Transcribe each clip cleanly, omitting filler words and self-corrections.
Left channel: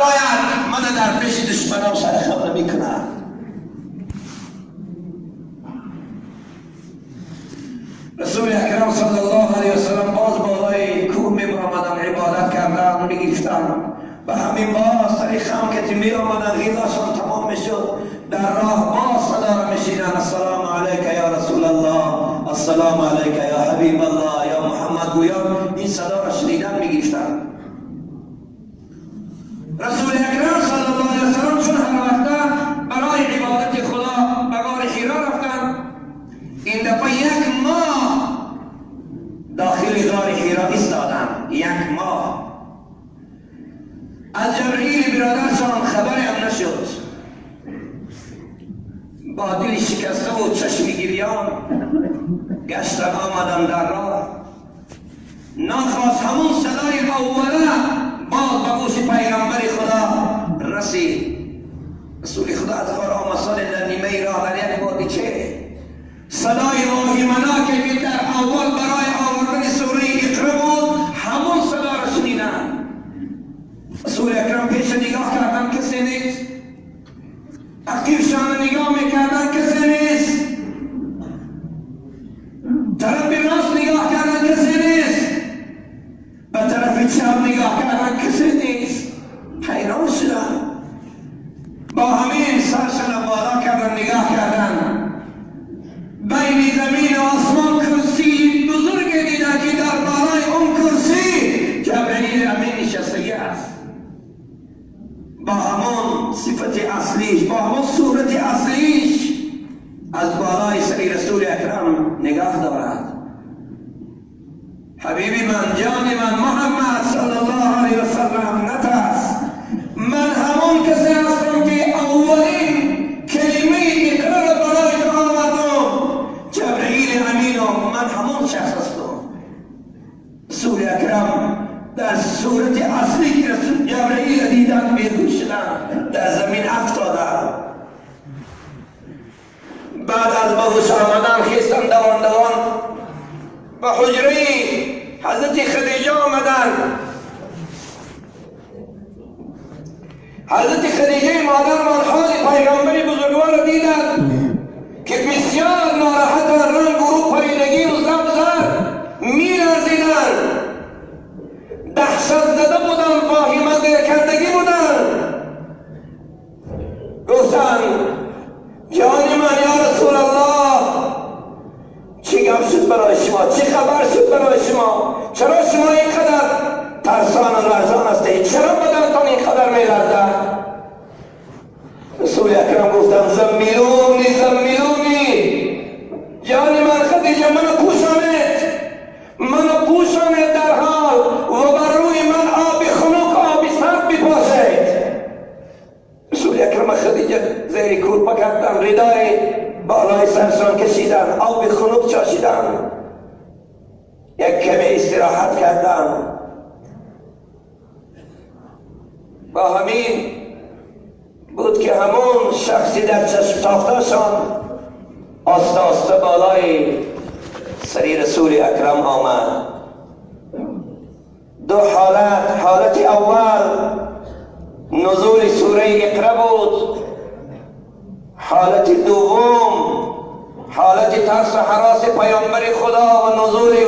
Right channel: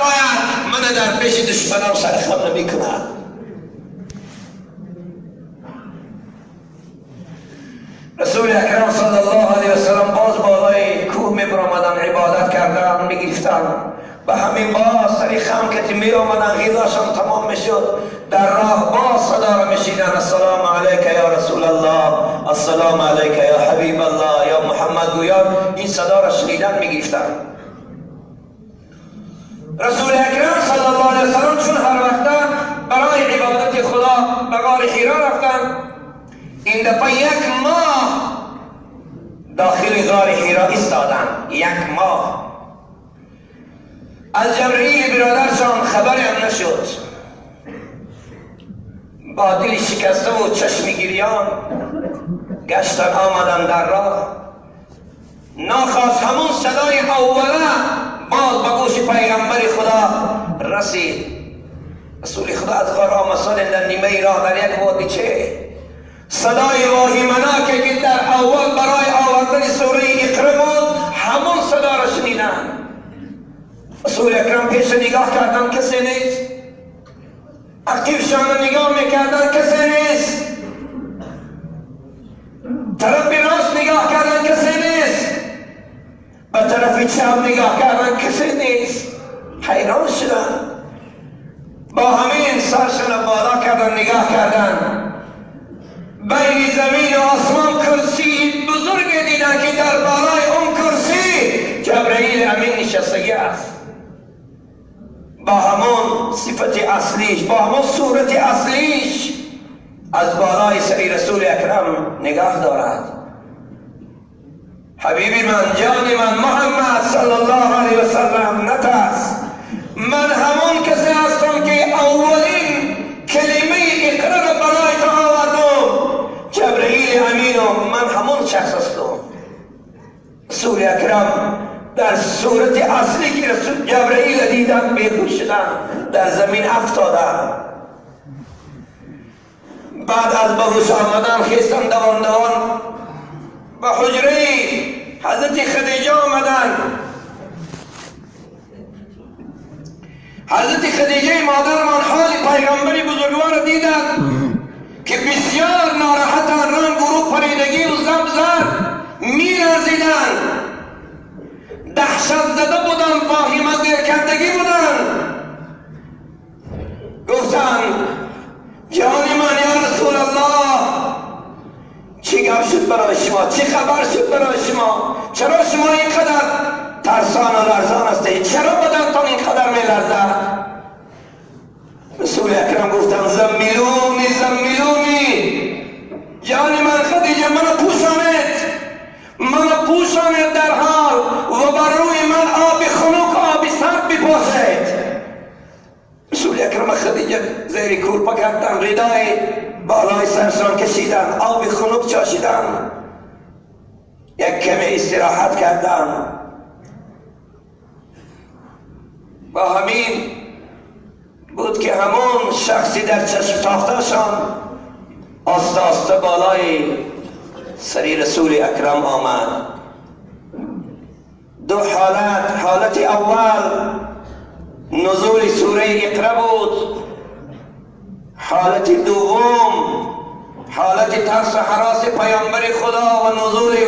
برپاید من در پیش دشمنان سرخم نمی کند. رسول اکرم صلی الله علیه وسلم باز بالای کوه می برآمدند، عبادت کردند، می گرفتند. به همین باز سری خم که می آمدند غذاشان تمام می شد، در راه باز صدا را می شنیدند: السلام علیک یا رسول الله، السلام علیک یا حبیب الله، یا محمد گویان. این صدا را شنیدند می گرفتند. رسول اکرم صلی الله علیه وسلم چون هر وقت برای عبادت خدا به غار حرا رفتند، این دفعه 1 ماه داخل غار حرا ایستادند. 1 ماه از جبرئیل برادرشان خبری هم نشد. با دل شکسته و چشم گریان گشتن آمدن در راه. ناخواست همون صدای اوله باز به گوش پیغمبر خدا رسید. رسول خدا از غار آمد در نیمه راه در یک وادیچه صدای واهمناکی که در اول برای آوردن سوره اقرا بود همون صدا را شنیدند. رسول اکرم پیش نگاه کردن، کسی نیست. عقیبشان نگاه میکردن، کسی نیست. طرف راست نگاه کردن، کسی نیست. به طرف چپ نگاه کردن، کسی نیست. حیران شدن. با همین سرشان بالا کردن، نگاه کردن. بین زمین و آسمان کرسی بزرگ دیدن که در بالای اون کرسی جبرئیل امین نشسته است، با همون صفت اصلیش، با همون صورت اصلیش از بالای سری رسول اکرم نگاه دارد. حبیبی من، جان من، محمد صلی الله علیه وسلم نترس. من همون کسی هستم که اولین کلمه اقرا را برای تو آوردم. جبرئیل امین و من همون شخص هستم. رسول اکرم در صورت اصلی که رسول جبرئیل دیدن بیهوش شدن، در زمین افتادن. بعد از بهوش آمدن خیستن دوان دوان به حجره حضرت خدیجه آمدن. حضرت خدیجه مادر من حال پیغمبری بزرگوار دیدن که بسیار ناراحتن، رنگ و پریدگی و زبزر می لرزیدن، دهشت زده بودن، واهمه زیرکردگی بودن. گفتن جان من یا رسول الله، چی گپ شد برای شما؟ چی خبر شد برای شما؟ چرا شما اینقدر ترسان و لرزان هستید؟ چرا بدنتان اینقدر می لرزد؟ رسول اکرم گفتن زمیلونی زمیلونی، جان من خدیجه منو پوشانید در حال و بر روی من آب خنک آب سرد بپاشید. رسول اکرم خدیجه زیر کورپا کردن، ردای بالای سرشان کشیدن، آب خنک چاشیدن، یک کمی استراحت کردن. با همین بود که همون شخصی در چشم تافتهشان آسته آسته بالای سری رسول اکرم آمد. 2 حالت. حالت اول نزول سوره اقرا بود. حالت دوم حالت ترس و هراس پیامبر خدا و نزول وحی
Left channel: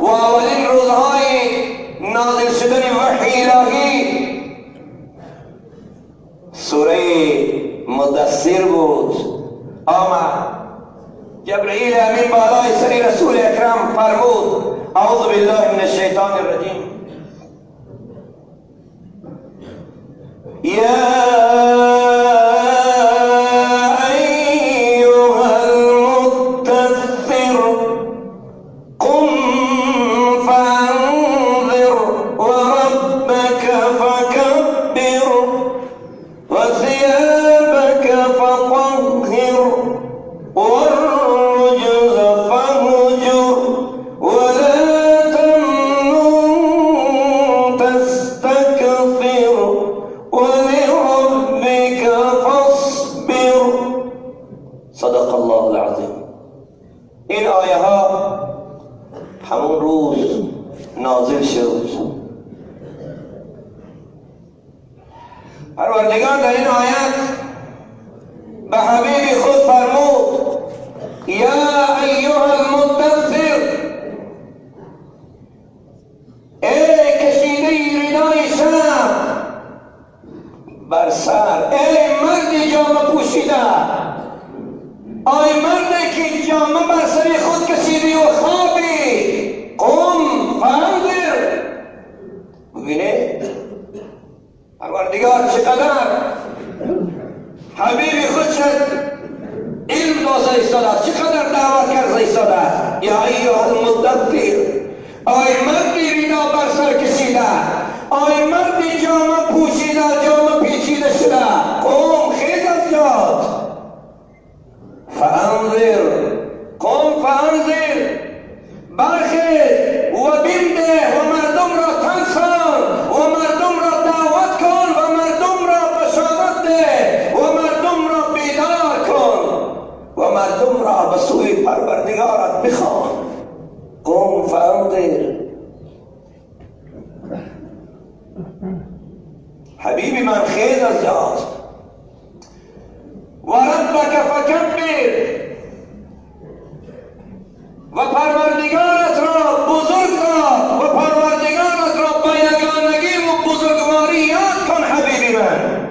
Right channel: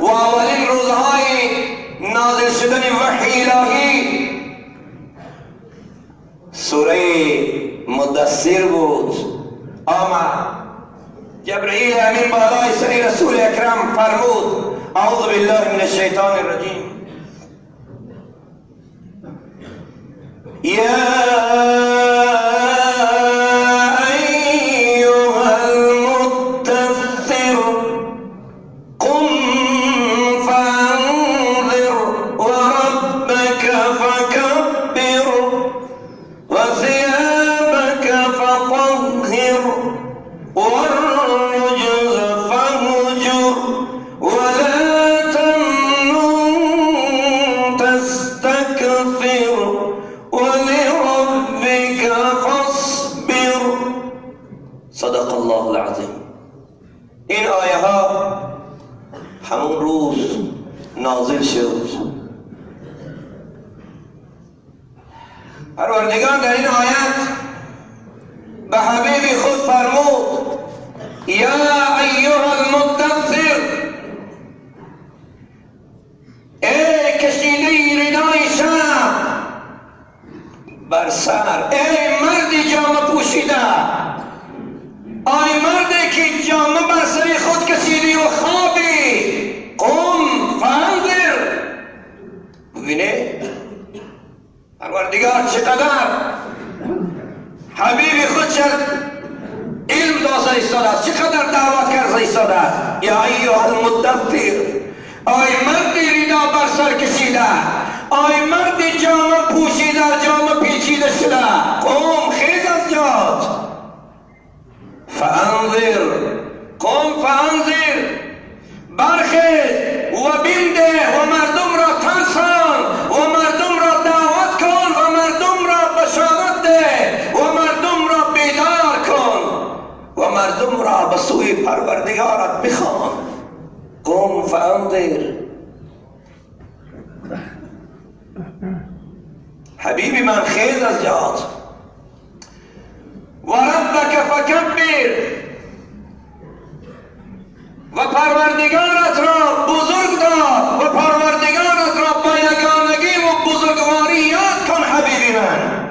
و اولین روزهای نازل شدن وحی الهی. سوره مدثر بود. آمد جبرئیل امین بالای سری رسول اکرم فرمود اعوذ بالله من الشیطان الرجیم ولربك پروردگار در این آیت به حبیب خود فرمود یا ایها المدثر، ای کشیده ردای شب بر سر، ای مرد جامه پوشیده، آی مردی که جامه بر سر خود کشیدی و خوابی، قم فانذر. ببینه پروردگار چقدر حبیب خود شد علم دازه ایستاده است، چقدر دعوت کرده ایستاده است. یا ایها المدثر، آی مردی ردا بر سر کشیده، آی مردی جامه پوشیده، جامه پیچیده شده، قم خیز از جات، فانذر، قم فانذر، برخیز و بنده و مردم را ترسان و مردم را دعوت کن و مردم را بشارت ده و مردم را بیدار کن و مردم را به سوی پروردگارت بخوان. قم فانذر. حبیبی من خیز از جات و ربک فکبر، و پروردگارت را بزرگ دار و پروردگارت را با یگانگی و بزرگواری یاد کن. حبیبی من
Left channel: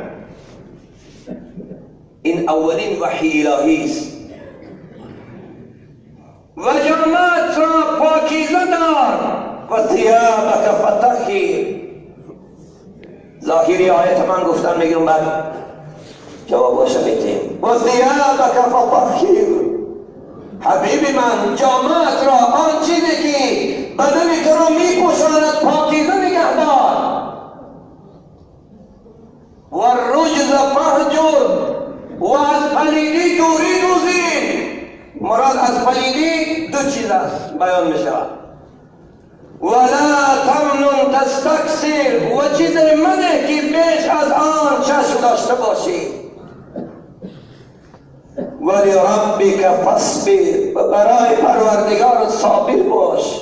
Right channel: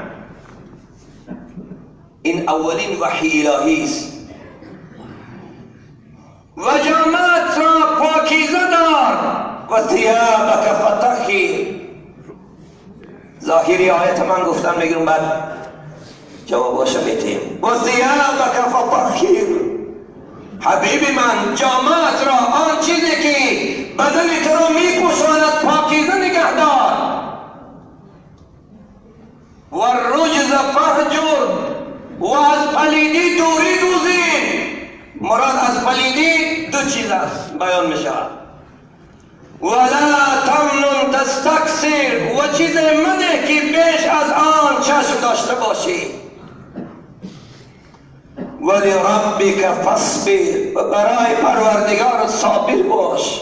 این اولین وحی الهی است. و جامعت را پاکیزه دار و ثیابک فطهر. ظاهری آیت من گفتم میگم بعد جوابش میتیم. و ثیابک فطهر. حبیبی من جامعت را، آن چیزی که بدن تو را میپوشاند پاکیزه نگه دار. و الرجز فهجر، و از پلیدی دوری دوزید. مراد از پلیدی دو چیز است بیان می شود. ولا تمنن تستکثر، و چیز مده که بیش از آن چشم داشته باشی. ولی ربک فاصبر، و برای پروردگارت صابر باش.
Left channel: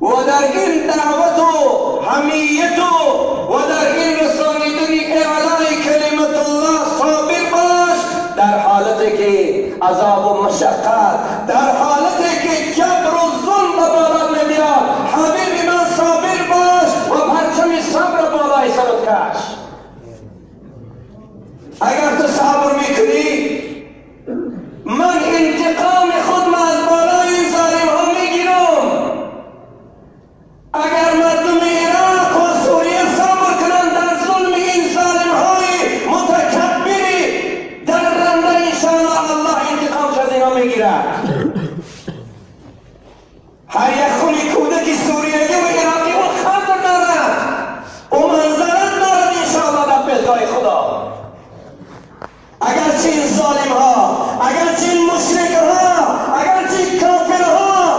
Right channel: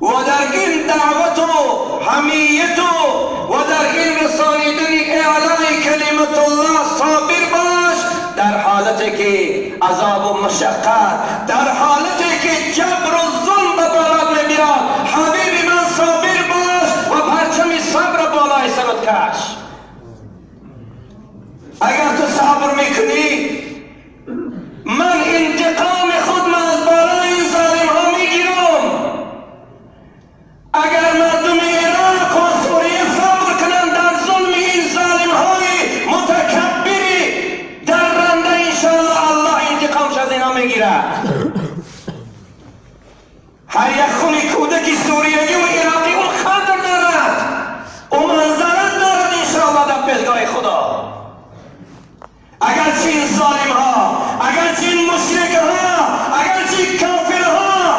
و در این دعوت و حمیت و در این رسانیدن اعلای کلمت الله صابر باش، در حالتی که عذاب و مشقت، در حالتی که جبر و ظلم به بالات می‌گیرد، حبیبی من صابر باش و پرچم صبر بالای سرت کش. اگر تو صبر میکنی، من انتقام خود از بالای این ظالم ها میگیرم. اگر مردم عراق و سوریه صبر کنند در ظلم این ظالم های متکبری در رنده، انشاءالله الله انتقامش از اینا میگیره. هر یک خونی کودکی سوریگی و عراقی اون خطر دارد، اون منظرت دارد انشاءالله در پیشگاه خدا. اگرچه این ظالم ها، اگرچه این مشرک ها، اگرچه این کافر ها،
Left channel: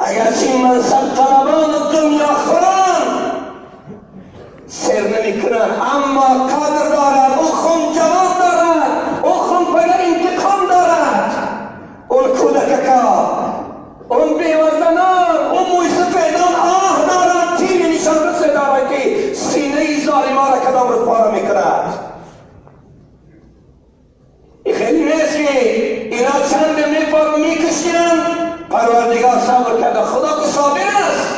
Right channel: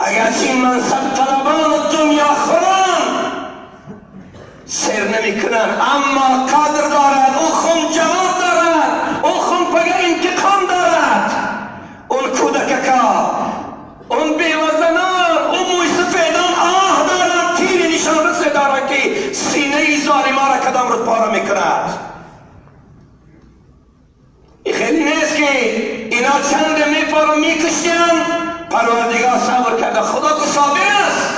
اگرچه این منصب طلبان دنیا خوران سر نمی کنن، اما قدر دارد، اون خون جواب دارد، اون خون پگه انتقام دارد. اون کودککا، اون بیوزنان، اون موی سفیدان آه دارد، تیر نشان رسه دارد که سینه ظالم ها را کدام رو پاره می کند. خیلی نیست که اینا چند میپارو میکشن، پروردگار صبر کرده. خدا که صابر است،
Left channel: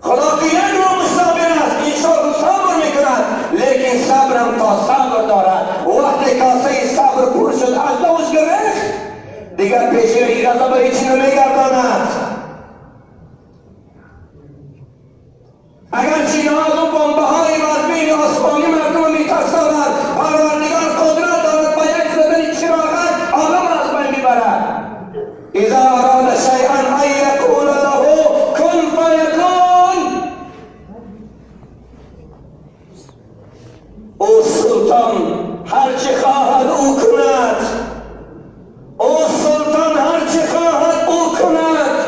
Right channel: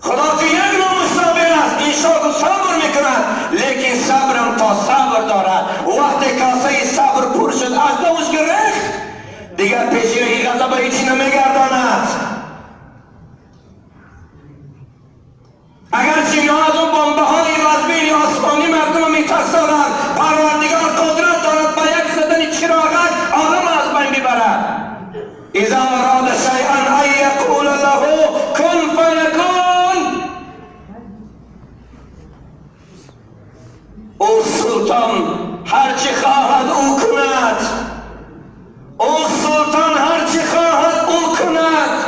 خدا که یک نوع صابر است، انشاءالله صبر میکند، لیکن صبرم تا صبر دارد. وقتی کاسه صبر پر شد از دوش گرفت، دیگر پیشی غضب هیچی نمیگرداند. اگر چی از اون بمبه های وزمین آسمانی مردم میترسانند، پروردگار قدرت دارد با یک زدن چراغک عالم از بین ببرد. اذا اراد شیئا ان یقول له کن فیکون. او سلطان هرچی خواهد او کند، او سلطان هرچی خواهد او کند،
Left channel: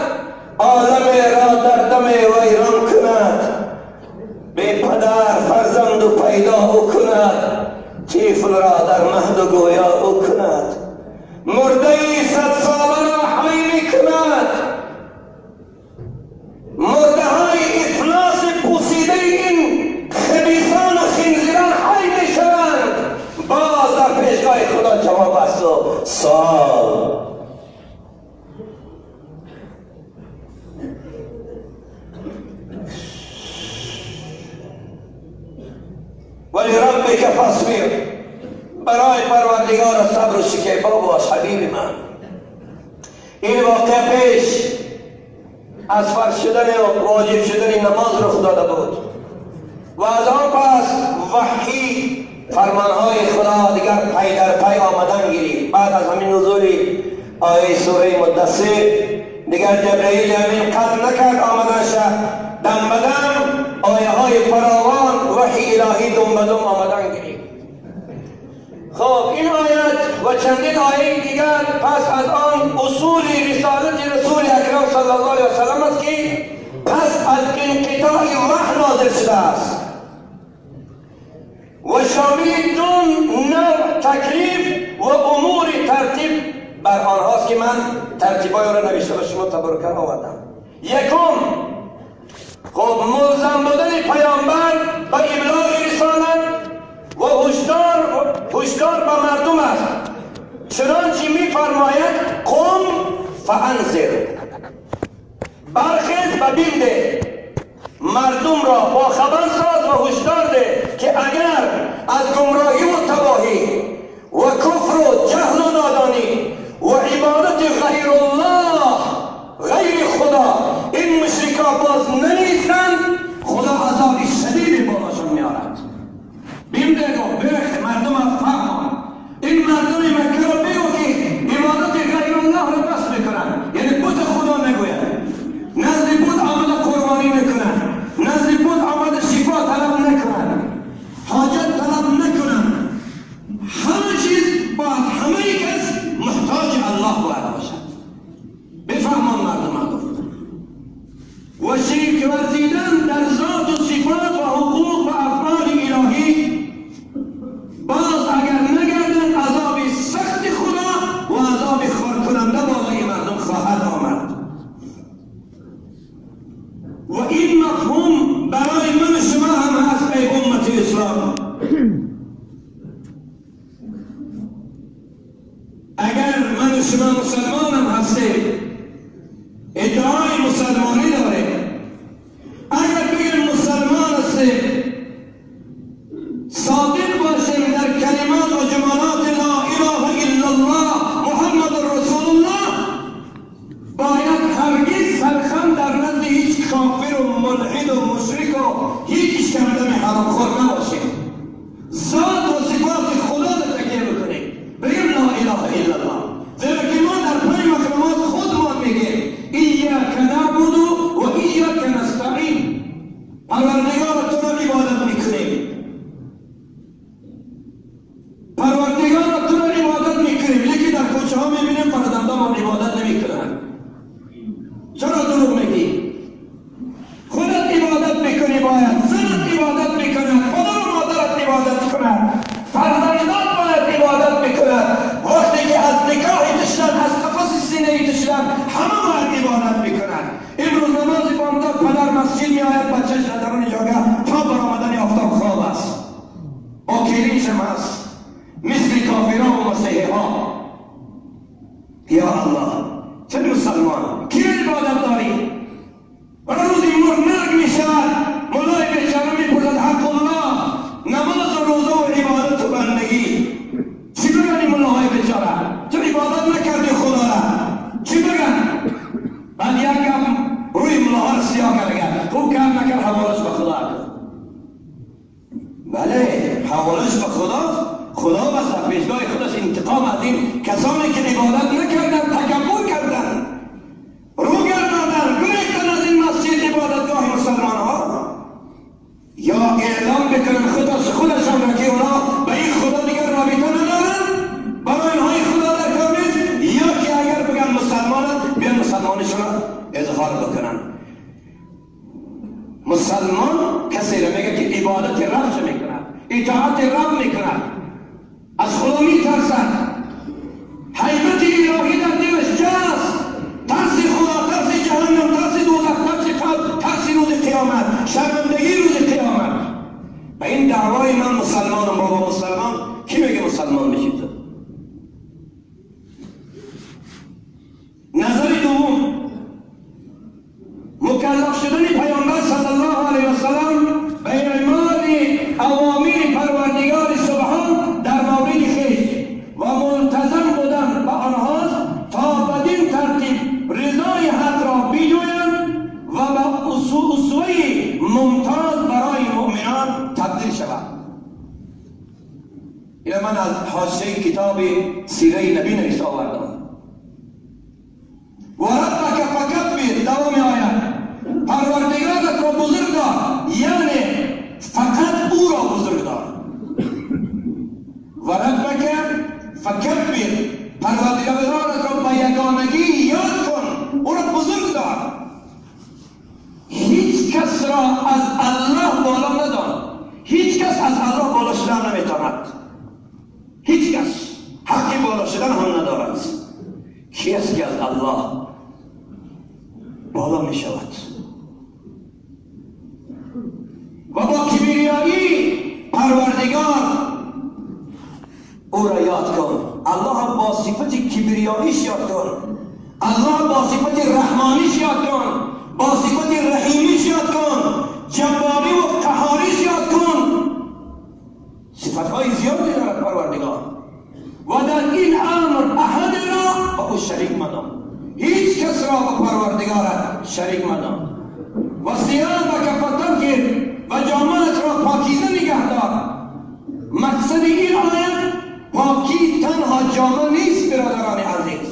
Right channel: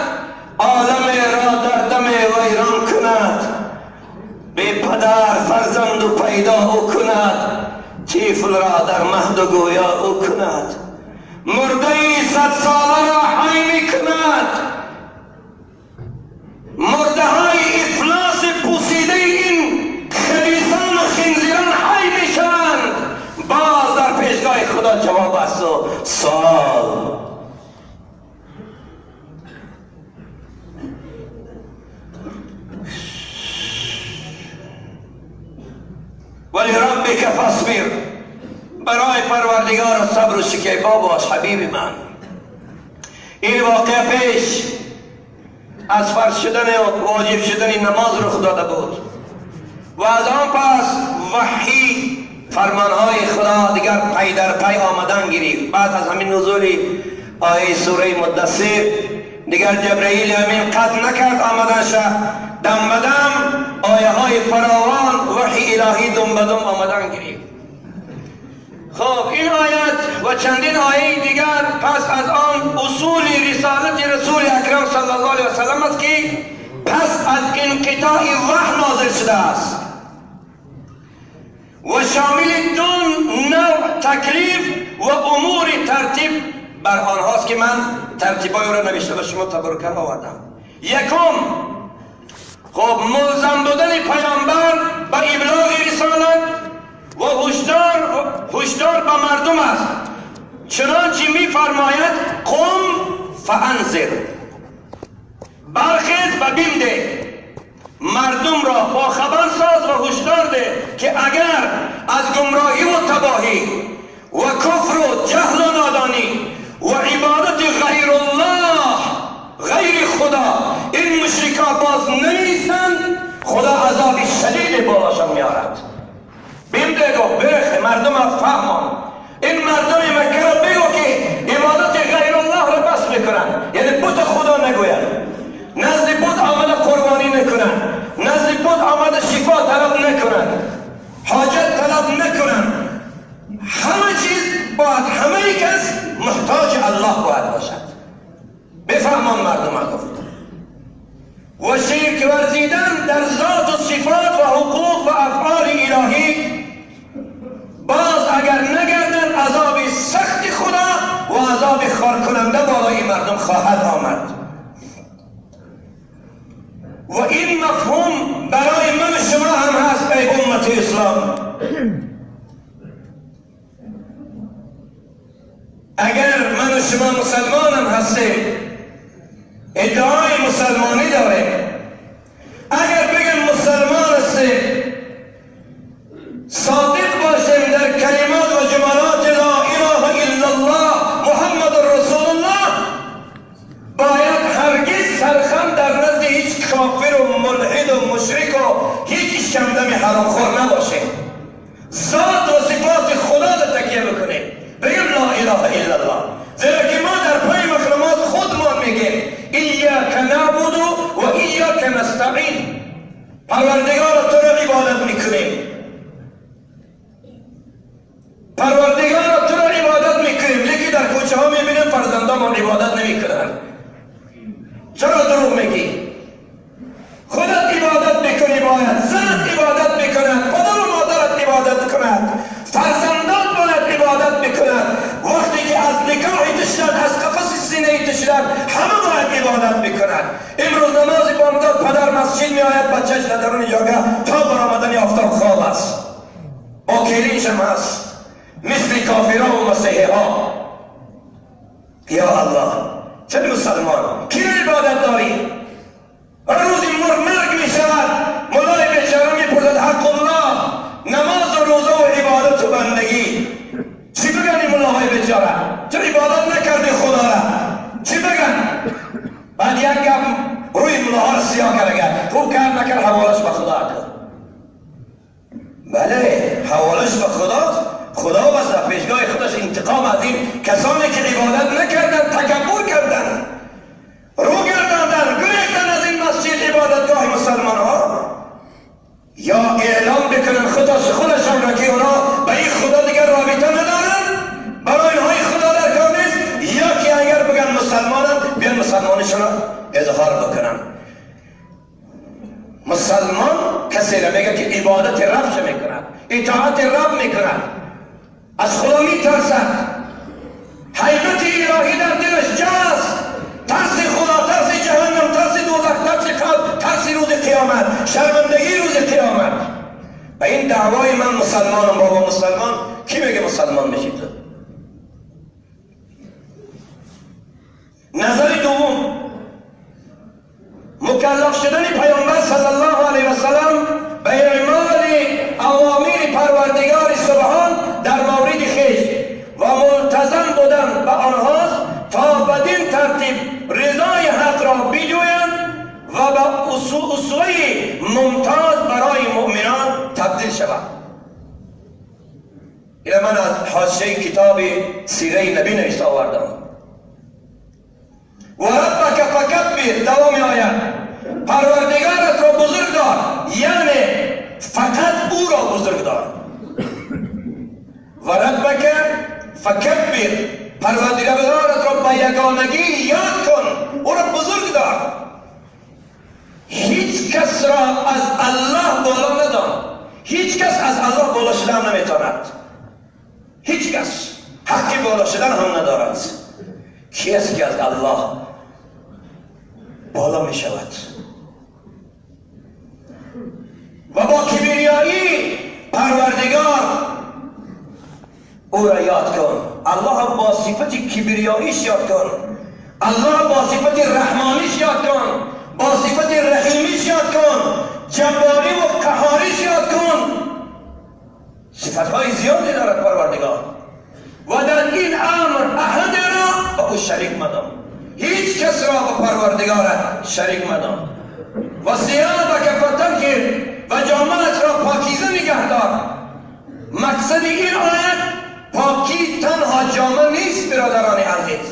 عالم را در دم ویران کند. بی پدر فرزند و پیدا او کند، طفل را در مهد و گویا او کند. مرده 100 ساله را حی می کند. مرده های افلاس پوسیده این خبیثان و خنزیران حی می شوند. خدا جواب است و سوال. ولی ربک فاصبر، برای پروردگار صبر و شکیبا باش حبیب من. این واقعه پیش از فرض شدن و واجب شدن نماز رخ داده بود و از آن پس وحی فرمانهای خدا دیگر پی در پی آمدن گرفت. بعد از همین نزول آیه سوره مدثر دیگر جبرئیل امین قطع نکرد آمدنش، دم به دم آیه های فراوان وحی الهی دم به دم آمدن گرفت. خب این آیت و چندین آیه دیگر پس از آن اصول رسالت رسول اکرم صلی الله علیه وسلم است که پس از انقطاع وحی نازل شده است و شامل دو نوع تکلیف و امور ترتیب بر آنهاست که من ترتیبای را نوشته و شما تبرکه آوردم. یکم، خب ملزم بودن پیامبر به ابلاغ رسالت و هشدار به مردم است، چنانچه می فرماید قم فانذر، برخیز و بنده، مردم را با خبر ساز و هشدار ده که اگر از گمراهی و تباهی و کفر و جهل و نادانی و عبادت غیر الله غیر خدا این مشرکا باز نمیستند، خدا عذاب شدید بالاشان میارد. بنده گو برخ مردم فهمان، این مردم مکه را بگو که عبادت غیر الله را بس میکنن، یعنی بت خدا نگوین، نزد بت آمد قربانی نکنن، نزد بت آمد شفا طلب نکنن، حاجت طلب نکنن، همه چیز باید همه کس محتاج الله باید باشد. بفهمان مردم گفت. و شرک ورزیدن در ذات و صفات و حقوق و افعال الهی باز اگر نگردن عذاب سخت خدا و عذاب خار کننده بالای مردم خواهد آمد. و این مفهوم برای من شما هم هست ای امت اسلام. اگر من شما مسلمانم هستیم، ادعای مسلمانی داریم، اگر بگم مسلمان هستیم، صادق باشیم در کلمات و جملات لا اله الا الله محمد رسول الله، باید هرگز سرخم در نزد هیچ کافر و ملحد و مشرک و هیچ شمدم حرام خور نباشیم. ذات و صفات خدا را تکیه بکنیم، بگیم لا اله الا الله، زیرا که ما در پای مخلوقات خودمان میگیم ایاک نعبد و ایاک نستعین، پروردگار تو را عبادت میکنیم، پروردگار تو را عبادت میکنیم، لیکن در کوچه ها میبینیم فرزندان عبادت نمیکنن. چرا دروغ میگی؟ خودت عبادت میکنی، باید زنت عبادت میکند، پدر و مادرت عبادت کند، فرزندان باید عبادت میکند. وقتی که از نکاح تشدن، از قفص سینه تشدن، همه باید عبادت میکنند. امروز نماز بامداد پدر مسجد میآید، بچهش در درون جاگه تا برآمدن آفتاب خواب است، با کلیش هم هست، مثل کافران و مسیحی ها. یا الله، چه مسلمان کی عبادت داری؟ روزی مرگ می شود، مولای بیچاره میپرسد حق الله، نماز و روزه و عبادت و بندگی، چی بگن این مولای بیچاره؟ چه عبادت نکردی خدا را؟ چی بگن؟ بعد یک گپ روی مولاها سیاه کرد، خوب کرد نکرد حوالش به خدا کرد. بله، حوالش به خدا، خدا بس در پیشگاه خودش انتقام از این کسانی که عبادت نکردن، تکبر کردن، رو گرداندن، گریختن از این مسجد عبادتگاه مسلمان ها، یا اعلام بکنن خودشان را که اونا به این خدا دیگر رابطه ندارن، برای اینهای خدا در کار نیست، یا که اگر بگن مسلمانن بیان مسلمانشون را اظهار بکنن. مسلمان کسی را میگه که عبادت رب میکند، اطاعت رب میکند، از خدا میترسد، حیبت الهی در دلش جاست، ترس خدا، ترس جهنم، ترس دوزخ، ترس قبر، ترس روز قیامت، شرمندگی روز قیامت. و این دعوای من مسلمانم، بابا مسلمان، کی میگه مسلمان میشید؟ اینه من از حاشیه کتاب سیره نبی نوشته آوردم. و ربک فکبر، دوام آیت، پروردگارت را بزرگ دار، یعنی فقط او را بزرگ دار. و ربک فکبر، پروردگارت را به یگانگی یاد کن، او را بزرگ دار. هیچ کس را از الله بالا ندان. هیچ کس از الله بالا شدن نمیتواند. هیچ کس حقی بالا شدن هم ندارد. کی است که از الله بالا می شود؟ و با کبریایی پروردگار او را یاد کن. الله با صفت کبریاییش یاد کن. الله با صفت رحمانیش یاد کن. با صفت رحیمیش یاد کن. جباری و قهاریش یاد کن. صفتهای زیادی دارد پروردگار. و در این امر احد را با او شریک مدان. هیچ کس را با پروردگارت شریک مدان. و ثیابک فطهر، و جامه‌ات را پاکیزه نگه دار. مقصد این آیت پاکی تنها جامه نیست برادران عزیز.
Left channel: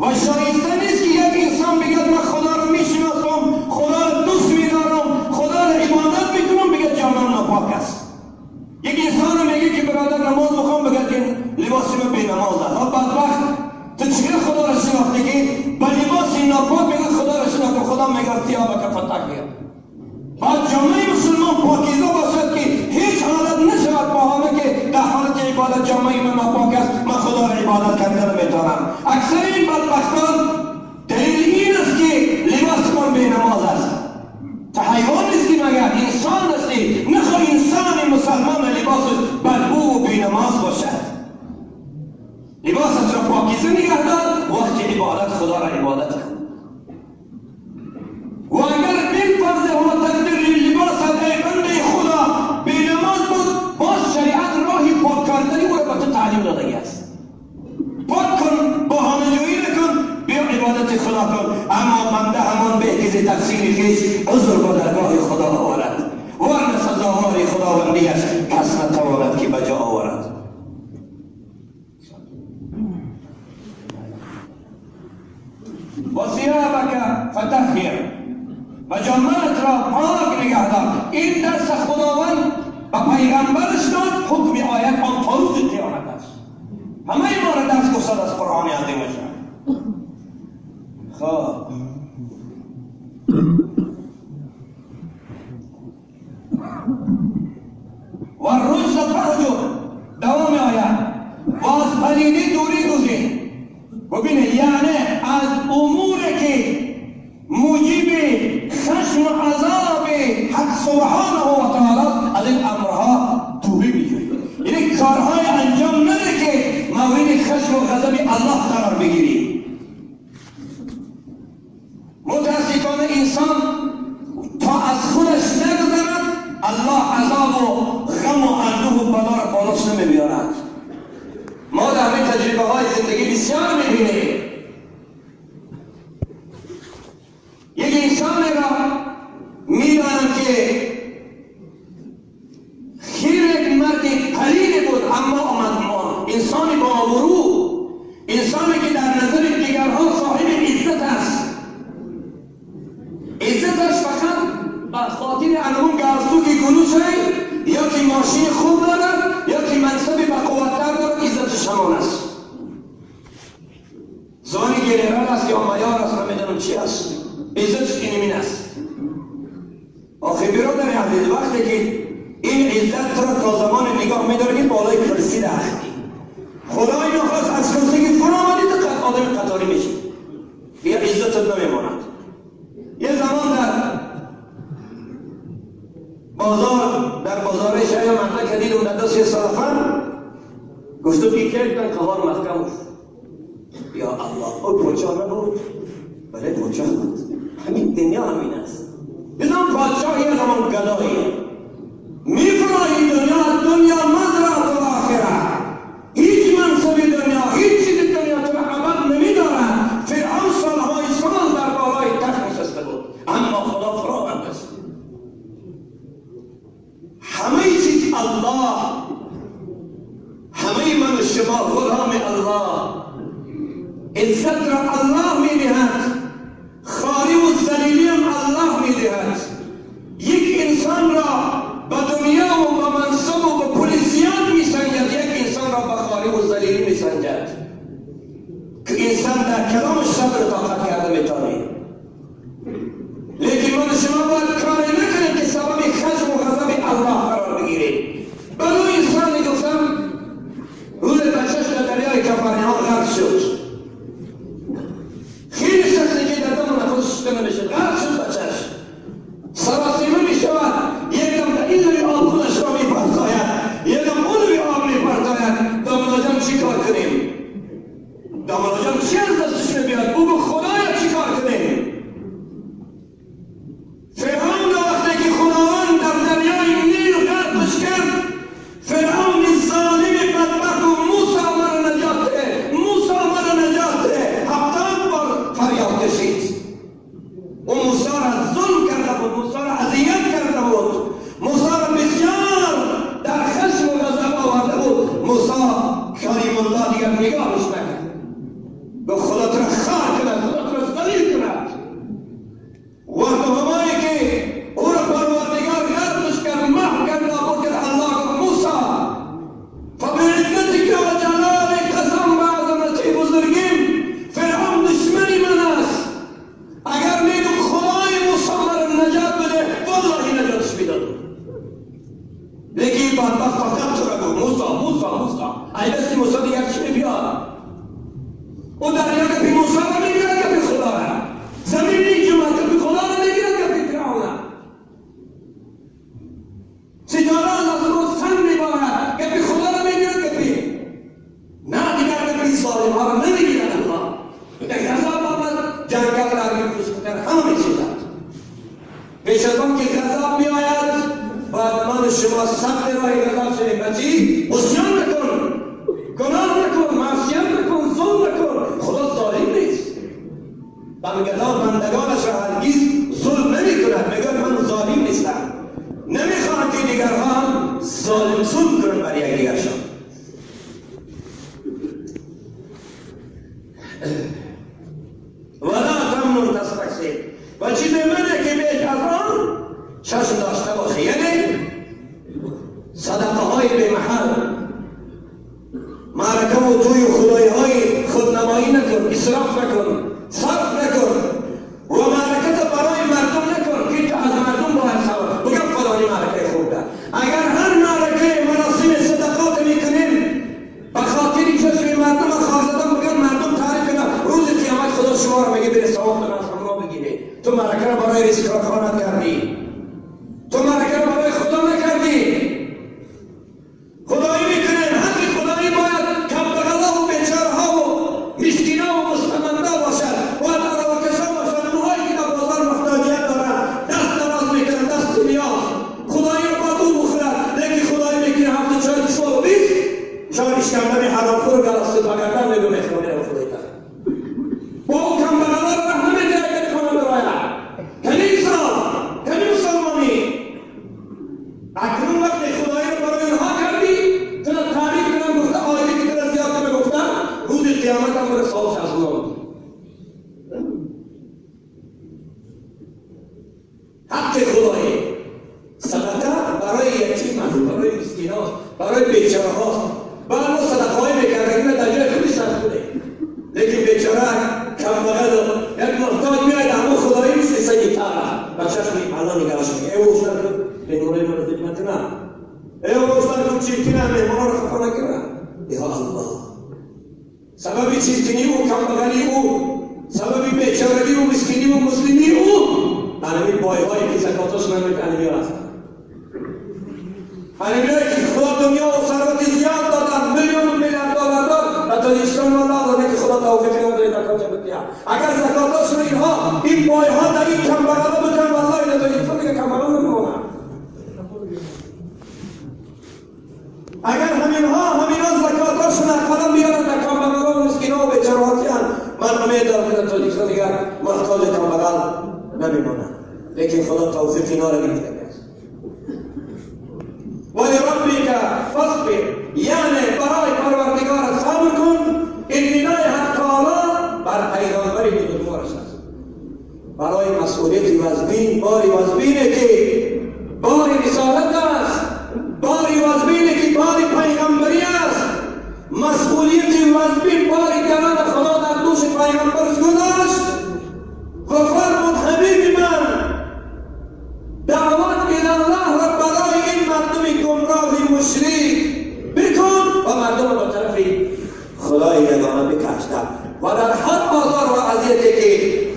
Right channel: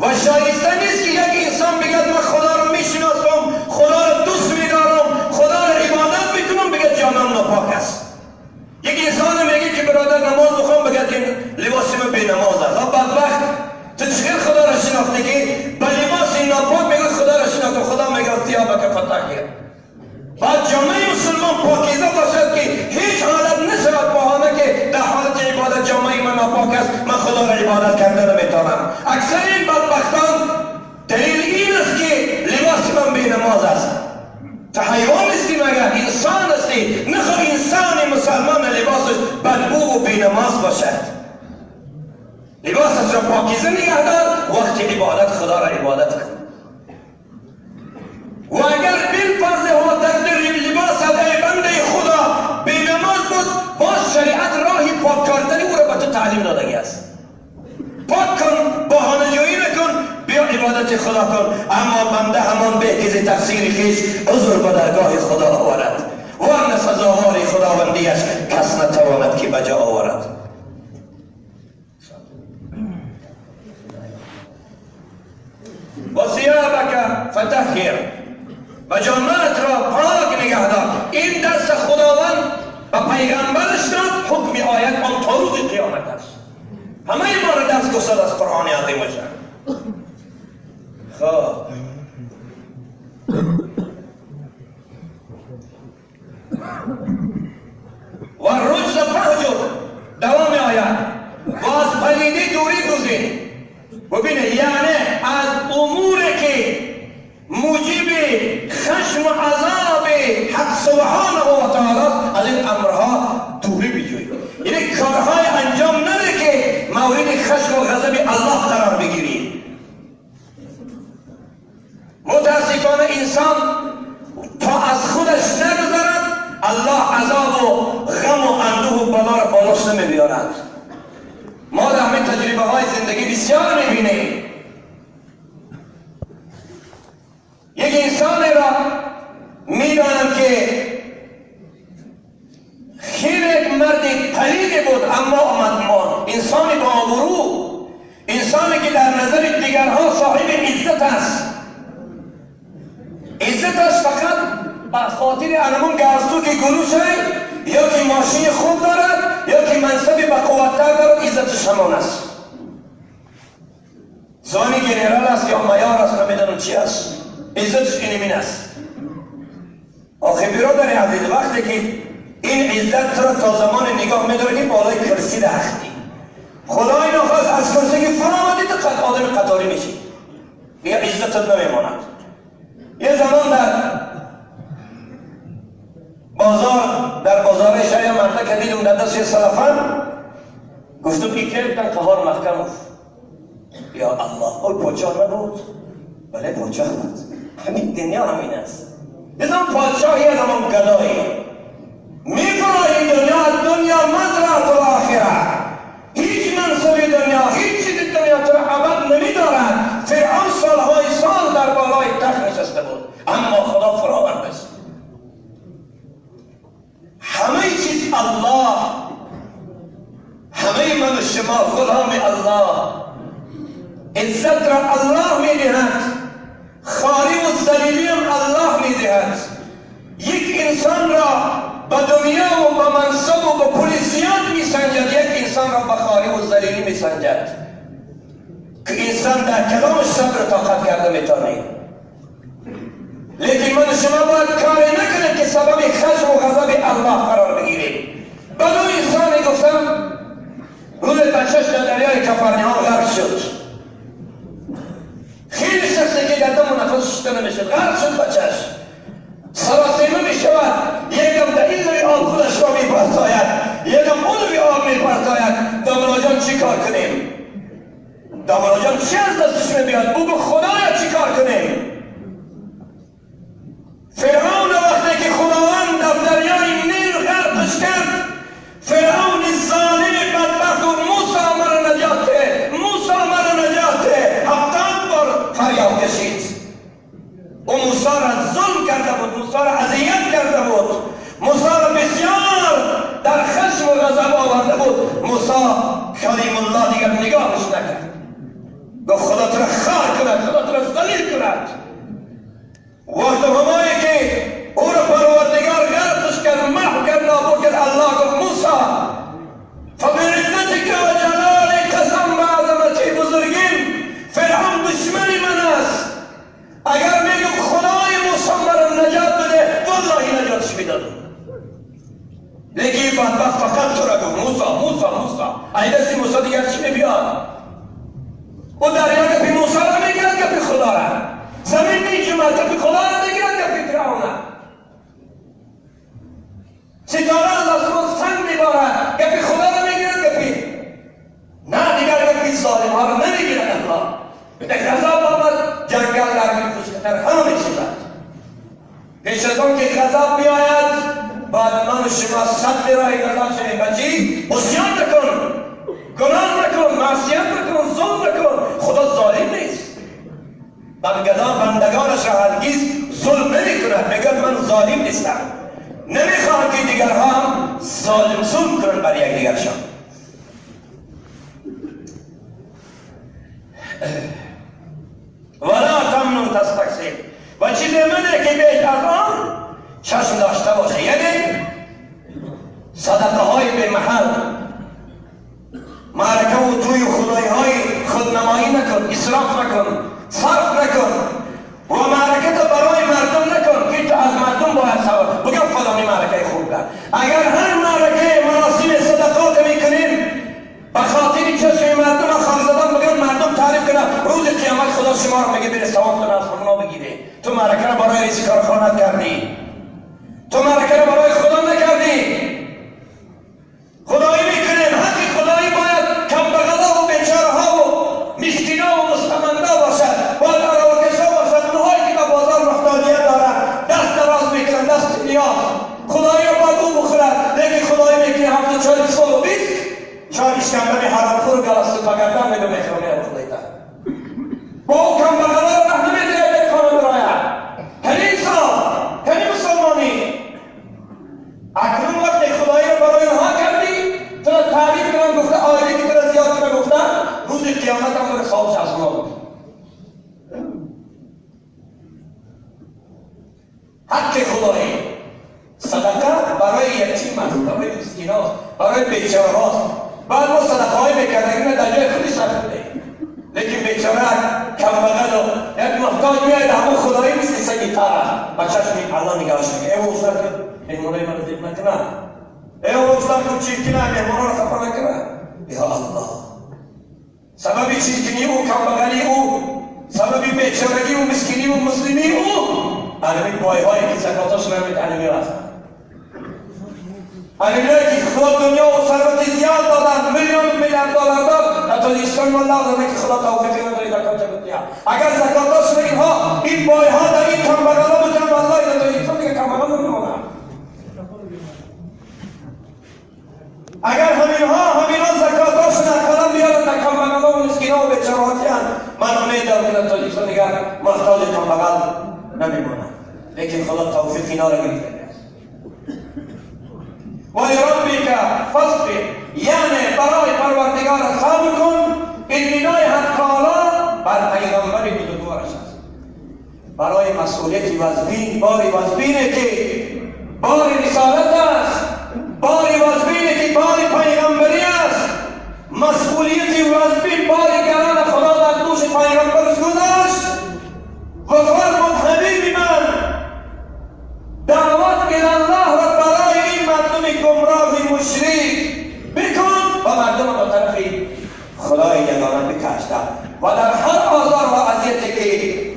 و شایسته نیست که یک انسان بگد من خدا رو میشناسم، خدا رو دوست میدارم، خدا رو عبادت میکنم، بگد جامه ناپاک است. یک انسان میگه که برادر نماز بخوام، بگد که لباس من بی نماز است. بدبخت، تو چطور خدا رو شناختی که با لباس ناپاک میگه خدا رو شناخته؟ خدا میگه ثیابک فطهر. بعد جامعه مسلمان پاکیزه باشد که هیچ حالت نشود بهانه که در حالت عبادت جامعه من ناپاک است، من خدا را عبادت کرده نمیتونم. اکثر این بدبختان دلیل این است که لباس من بی نماز است. تا حیوان نیستی مگر انسان استی؟ نخواه انسان مسلمان لباسش بدبو و بی نماز باشد. لباسش را پاکیزه نگه دار، وقت عبادت خدا را عبادت کن. و اگر بالفرض و تقدیر لباس ای بنده خدا بی نماز بود، باز شریعت راهی پاک کردن او را به تو تعلیم دادگی است. پاک کن، بهانه جویی نکن، بیا عبادت خدا کن. اما بنده همان به احتیاج تقصیر خویش عذر به درگاه خدا آورد، ورنه سزاوار خداوندیش کس نتواند که بجا آورد. و ثیابک فطهر، و جامه‌ات را پاک نگه دار. این درس خداوند و پیغمبرش داد، حکم آیت آن تا روز قیامت است. همه ما را درس گفتند از قرآن عظیم شان. خب و رجز فهجر، دوام آیت، و از پلیدی دوری دوزین. ببینید یعنی از اموری که موجب خشم و عذاب حق سبحانه و تعالی از این امرها دوری بجوید. یعنی کارهای انجام نده که مورد خشم و غضب الله قرار بگیرید. متاسفانه انسان تا از خودش نگذرد، الله عذاب و غم و اندوه و بلا را بالش نمیبیارد. ما در همین تجربه های زندگی بسیار میبینیم. یک انسانی را میدانم که خیر یک مرد پلید بود، اما آمد انسانی با آبرو، انسانی که در نظر دیگرها صاحب عزت است. عزتش فقط به خاطر انمون گرسو که گلوشه، یا که ماشین خوب دارد، یا که منصب با قوتتر دارد، عزتش همان است. زانی گنرال است یا مایار است، نمیدانم چی است، عزتش اینمین است. آخه برادر عزیز، وقتی که این عزت را تا زمان نگاه می‌داری بالای کرسی رختی، خدای نخواست از کرسی که فرا آمدی تو آدم قطاری میشی، دیگه عزتت نمیماند. یه زمان در بازار شهر منطقه دیدم در دست سلفان، گفتم که کردن قهار محکم. یا الله، او پادشاه نبود؟ بله پادشاه بود. همین دنیا همین است. بزن پادشاهی از همون گدایی میفرایی دنیا مزرعه الاخره. هیچ منصب دنیا، هیچ چیز دنیا تو ابد نمیدارد. فرعون سالهای سال در بالای تخت نشسته بود، اما خدا فراورد است. همه چیز الله، شما غلام الله، عزت را الله میدهد، خاری و ذلیلی هم الله میدهد. یک انسان را به دنیا و به منصب و به پولیسیات میسنجد، یک انسان را به خاری و ذلیلی میسنجد که انسان در کلام صبر طاقت کرده میتونه. لیکن من شما باید کاری نکنید که سبب خشم و غضب الله قرار بگیرید. به دو انسانی گفتم روز بچهش در دریای کفرنهان غرق شد. خیلی شخصی که در دم نفس شده نمیشد، غرق شد بچهش. سراسیمه می شود، یکم در این روی آب خودش را می پرتاید، یکم اون روی آب می پرتاید. دامالا جان چی کار کنیم؟ دامالا جان چی از دستش می بیاد؟ بگو خدایا چی کار کنیم؟ فرعون وقتی که خداوند در دریای نیل غرقش کرد، فرعون ظالم بدبخت و موسی مرا نجات ده، موسی مرا نجات ده، 70 بار فریاد کشید. و موسی را ظلم کرده بود، موسی را اذیت کرده بود، موسی را بسیار در خشم و غضب آورده بود. موسی کلیم الله دیگر نگاهش نکرد، گفت خدا تو را خار کند، خدا تو را ذلیل کند. وقت همایی که او را پروردگار غرقش کرد، محو کرد، نابود کرد، الله گفت موسی فبعزتك و جلالك قسم به عظمتی بزرگیم فرعون دشمنی من است. اگر میگم خدای موسی مرا نجات بده، والله نجاتش میداد. لیکن بدبخت فقط تو را گفت موسی موسی موسی. ای دستی موسی دیگر چی میبیاد؟ او دریا که پی موسی را میگیرد که پی خدا را، زمین میجمد که پی خدا را میگیرد که پی فرعون را، ستاره از آسمان سنگ میبارد که پی خدا را میگیرد که پی نه دیگر که پی ظالم ها را نمیگیرد. الله در غضب آمد، جنگل در میکشد، در همه میشود. پیش از آن که غضب بیاید، بعد من و شما سخت راه غضب شویم. بچی عصیان نکن، گناه نکن، معصیت نکن، ظلم نکن. خدا ظالم نیست. بندگانش را هرگز ظلم نمی کند. میگه من ظالم نیستم، نمیخوام که دیگرها هم ظلم کنند بر یک دیگرشان. ولا تمنن تستکثر. و چیز منه که بیش از آن چشم داشته باشه، یعنی صدقه های به محل، معرکه و توی خدایی های خودنمایی نکن، اسراف نکن، صرف نکن و معرکه تا برای مردم نکن که تو از مردم باید سوال بگم فلانی معرکه خوب کرد. اگر هر معرکه مناسب صدقات میکنیم به خاطر چشم مردم خارزدان بگن مردم تعریف کنن، روز قیامت خدا شما رو میگه بره ثواب از همونا بگیره. تو معرکه رو برای رئیس کارخانه کردی، تو معرکه رو برای خدا نکردی. خدایی میکنیم، حق خدایی باید کمبغلا و بیچارها و مسکینا و مستمندا باشد و دراوکشا باشد. اونهایی که در بازار محتاجیت دارن دست دراز میکنن، دست نیاز خدایی رو با دو بخورد. لیکن خدایی میکنه هفته 40 سال و 20 چای اشکندن حرامخور گلستو بگردن میگو میخوانه رو خدایی دارد. با او کمبغلا رو رحم نمیده که خانه براید. کنی انسان، کنی مسلمانی. اکنون وقت خدایی رو برای اونها کردی، تو را تعریف کنم گفته آیده که تو را زیاد کنم گفتن، روز قیامت هم برای خوابش از ما بود. حق خدایی صدقه برای یتیم است، برای مسکین است، برای بیچاره هاست. بعد ما صدقه های میکردیم اینه در جای خودی صرف کنیم. لیکن بیچاره کمبغل و یک محتاج میاید اما خدایی مثل سگی تاره بچهش میگه الله نگاهش میگه ای وزر کن مهمونه من دیب نکنه، ای وزر کن چیکنه مهمونه رو خفا نکنه. یا الله سبب چیکنی او کمبغلی او، سبب بیچارگی و مسکینی و مسلمی او علمی بای هایی که زکاتاش نمید علمی هست. علمی که خدا دنیا و ثروت زیاد دادن، میلیون دلار داد، تاجیکستان والله داده که خدا توفیق نداره زکات بده. اگر زکاتاش نگیم ها این بای ها در این کمبغلا بودن والله در تاجیکستان دیگه کمبغلا نمیمونن. اگر همینا زکاتاشون از قلم بیارن در کمبغلا و مسکینا و بیچارهاتیان، من امید دارم که در تاجیکستان دیگه محتاج کمبغل نمیمونن. لیکن خدا توفیق اینا را گرفته. ولربک فاصبر، یعنی برای پروردگار بکن این ندای حق تعالی بر پیغمبر بزرگوارش است. برای مسئولیتی وزبین، باری وزبینه که باری رسالت است، باری وزبینه که باری پیغمبری است، مسئولیتی وزبین باری گران خدا در دوش پیغمبرش گذاشت و فرمود حبیبی من دعوت الله و برای این مردم گمراه مشرک بکن و مردم با طرف خدای یگانه بکشتن و در هر آزار و اذیتی که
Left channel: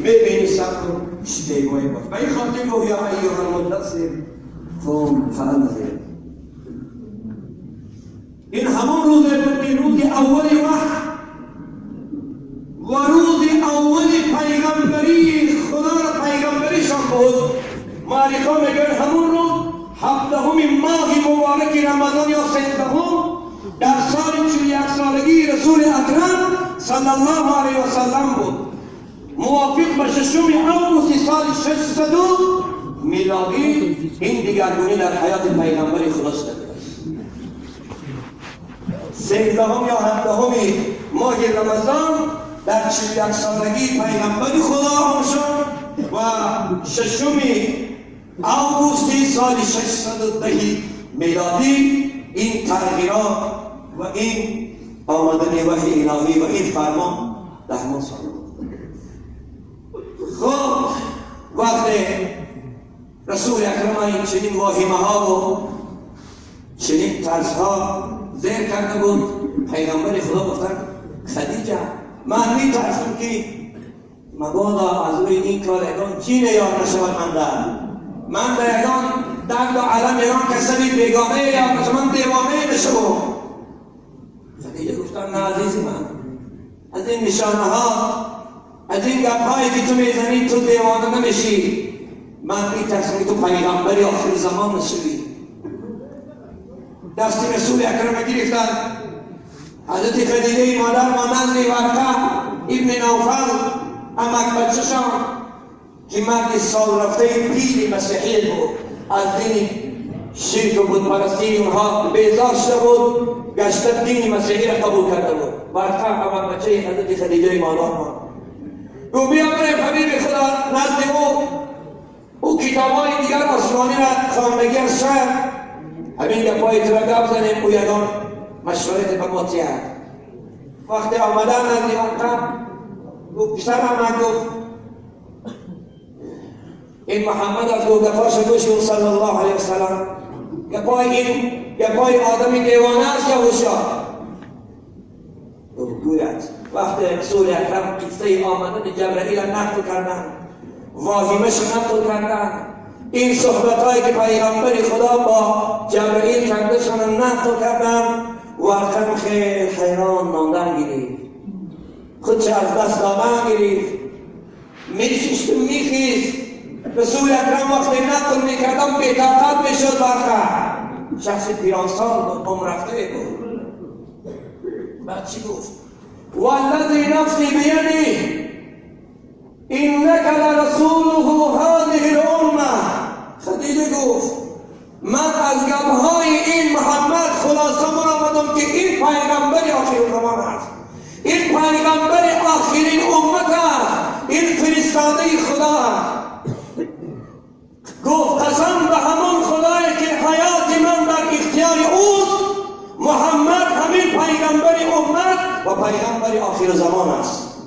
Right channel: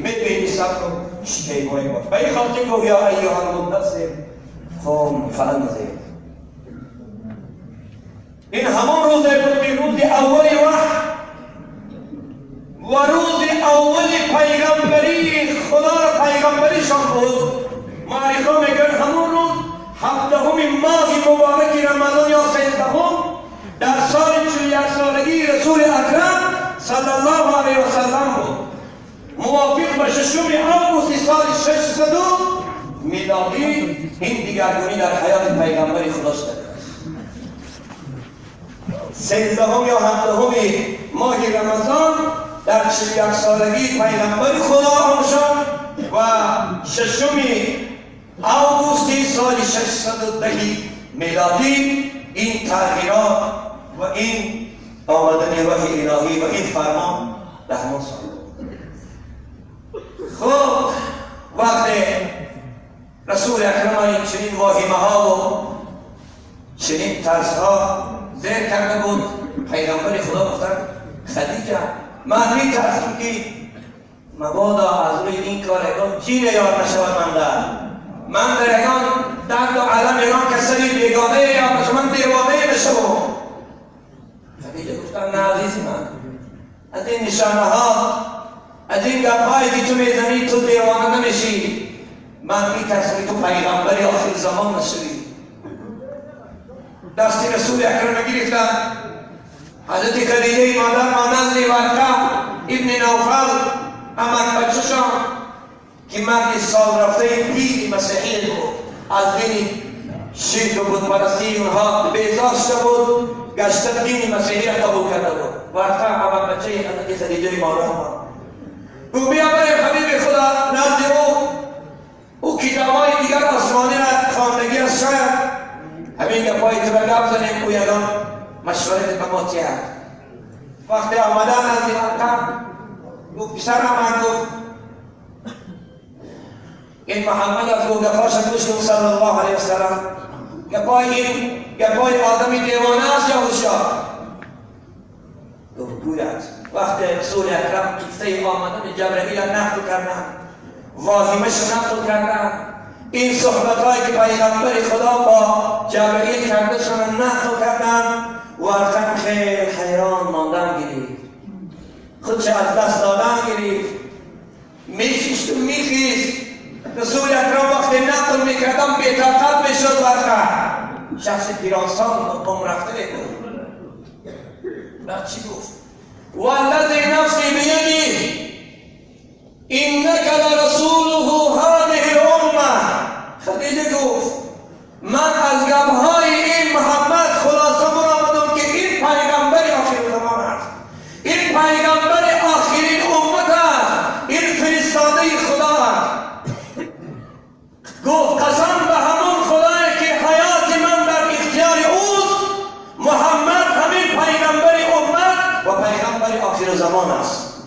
ببینی صبر کن شکیبایی باش. به این خاطر گفت یا ایها المدثر قم فانذر. این همون روز بود که روز اولی وحی و روز اولی پیغمبری خدا پیغمبریشان بود. معرفه میگن همون روز 17 ماه مبارک رمضان یا 13 در سال 41 سالگی رسول اکرم صلی الله علیه و سلم بود، موافق به 6 آگوست سال 600 میلادی. این دیگرگونی در حیات پیغمبری خدا شده است. 13 یا 17 ماه رمضان در 41 سالگی پیغمبر خدا آمد شد و 6 آگوست سال 610 میلادی این تغییرات و این آمدن وحی الهی و این فرمان در همون سال. خب وقت رسول اکرم این چنین واهمه ها و چنین ترس ها ذکر کرده بود، پیغمبر خدا گفتن خدیجه من می ترسم که مبادا از روی این کار اگان جین یار نشود من در اگان درد و علم اگان کسری بیگانه یا من دیوانه بشم. خدیجه گفتن نه عزیزی من، از این نشانه ها از این گپایی که تو میزنی تو دیوانه نمیشی. من میترسم که تو پیغمبری آخر زمان نشوی. دستی رسول اکرم گرفتن. حضرت خدیجه مادر مانند ورقه ابن نوفل امان بچه‌شان که مرد سال رفته دین مسیحی بود، از دین شرک و بتپرستی اونها بیزار شده بود، گشته دین مسیحی را قبول کرده بود. ورقه امان بچه حضرت خدیجه مادر او بیا بریم حبیب خدا نزد او کتابای دیگر آسمانی را خواندگی از شاید همین گپای تو را گپ زنیم او یگان مشورت به ما تیه. وقتی آمدن از دیوانتم گفت پسر من گفت این محمد از گفت گفاش گوش گفت صلی الله علیه وسلم گپای آدمی دیوانه است یا هوشیار؟ گفت گوید. وقتی رسول اکرم قصه آمدن جبرئیل نقل کردن، واهمش نقل کردن، این صحبت هایی که پیغمبر خدا با جبرئیل کرده شدن نقل کردن، ورقم خیلی حیران ماندن گرفت، خودش از دست دادن گرفت، میخیشت و میخیست. رسول اکرم وقتی نقل میکردن بی‌طاقت میشد ورقه. شخص پیرانسان عمر رفته بود. بعد چی گفت؟ والذی نفسی بیده انک لرسوله هذه الامه. خدیجه گفت من از گپ‌های این محمد خلاصه برآمدم که این پیغمبر آخر زمان است، این پیغمبر آخرین امت است، این فرستاده خدا است. گفت قسم به همون خدایی که حیات من در اختیار اوست، محمد همین پیغمبر امت و پیغمبر آخر زمان است.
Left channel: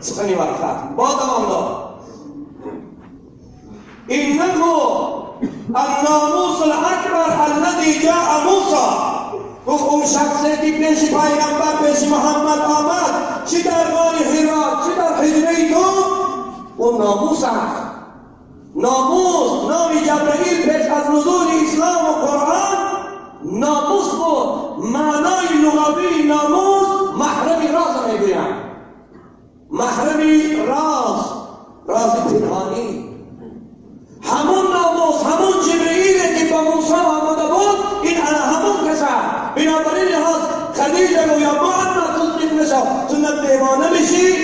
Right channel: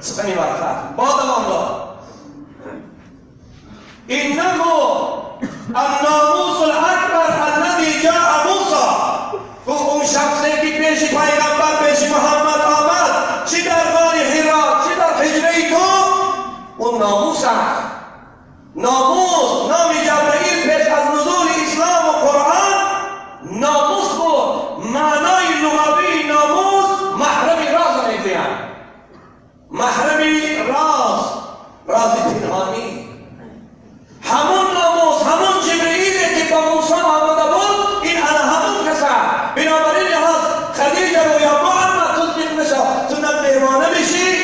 سخنی ورقه با دوام داد. انه الناموس الاکبر الذی جاء موسی. اون شخصی که پیش پیغمبر پیش محمد آمد، چی در غار حرا چی در حجره تو، اون ناموس است. ناموس نام جبرئیل پیش از نزول اسلام و قرآن ناموس بود. معنای لغوی ناموس محرم راز میگویند، محرم راز پنهانی. همون ناموس همون جبرئیل که با موسی آمده بود این همون کسا. بنابراین لحاظ خدیجه رو یا محمد تصدیق نشو، تو نه دیوانه بشی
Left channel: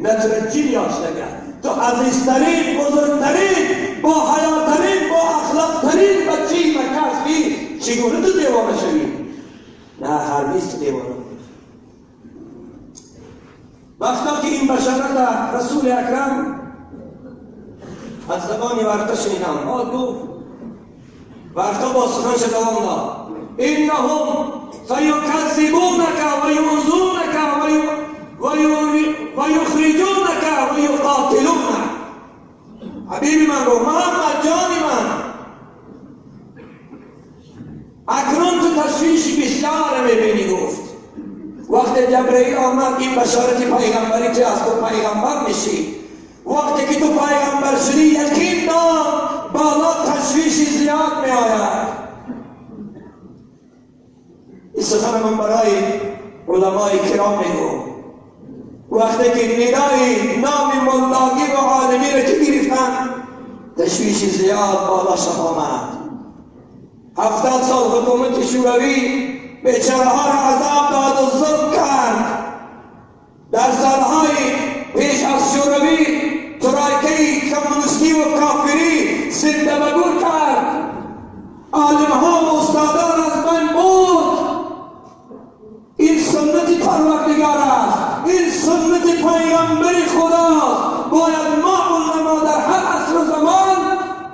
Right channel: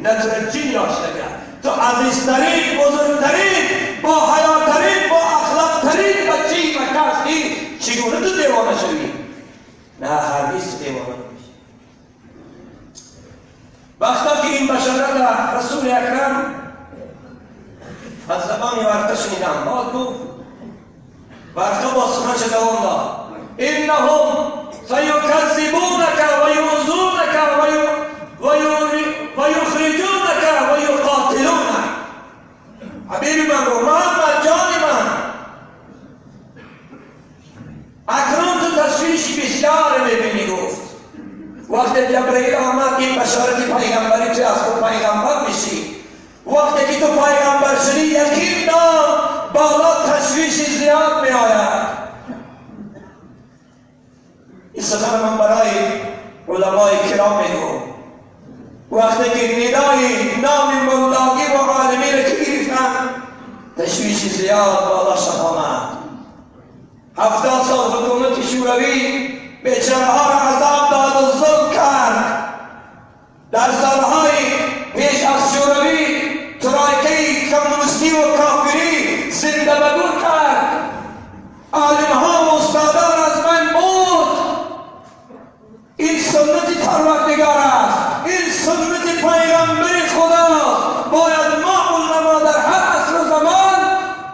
نه تو جین یاشته کرد. تو عزیزترین بزرگترین با حیاتترین با اخلاقترین بچه مکه هستی، چگونه تو دیوانه شوی؟ نه هرگز تو دیوانه نمیشی. که این بشارت رسول اکرم از زبان ورقه شنیدم، باز گفت ورقه با سخنش دوام داد انهم سیکذبونک و یؤذونک و یخرجونک و یقاتلونک. حبیبی من گفت محمد جانی من، اکنون تو تشویشی بسیار میبینی. گفت وقتی جبرئیل آمد این بشارت پیغمبری تو از تو پیغمبر میشی، وقتی که تو پیغمبر شدی یقین دار بالا تشویشی زیاد می آید. این سخن من برای علمای کرام میگم. وقتی که ندای نام ملاقی و عالمی را که گرفتن تشویشی زیاد بالا شد آمد. 70 سال حکومت شوروی بیچاره ها را عذاب داد و ظلم کرد. در سالهای پیش از شوروی ترایکه کمونیستی و کافری زنده بگون کرد. عالم ها و استادان از من بود. این سنت پروردگار است، این سنت پیغمبر خداست. باید ما علما در هر عصر و زمان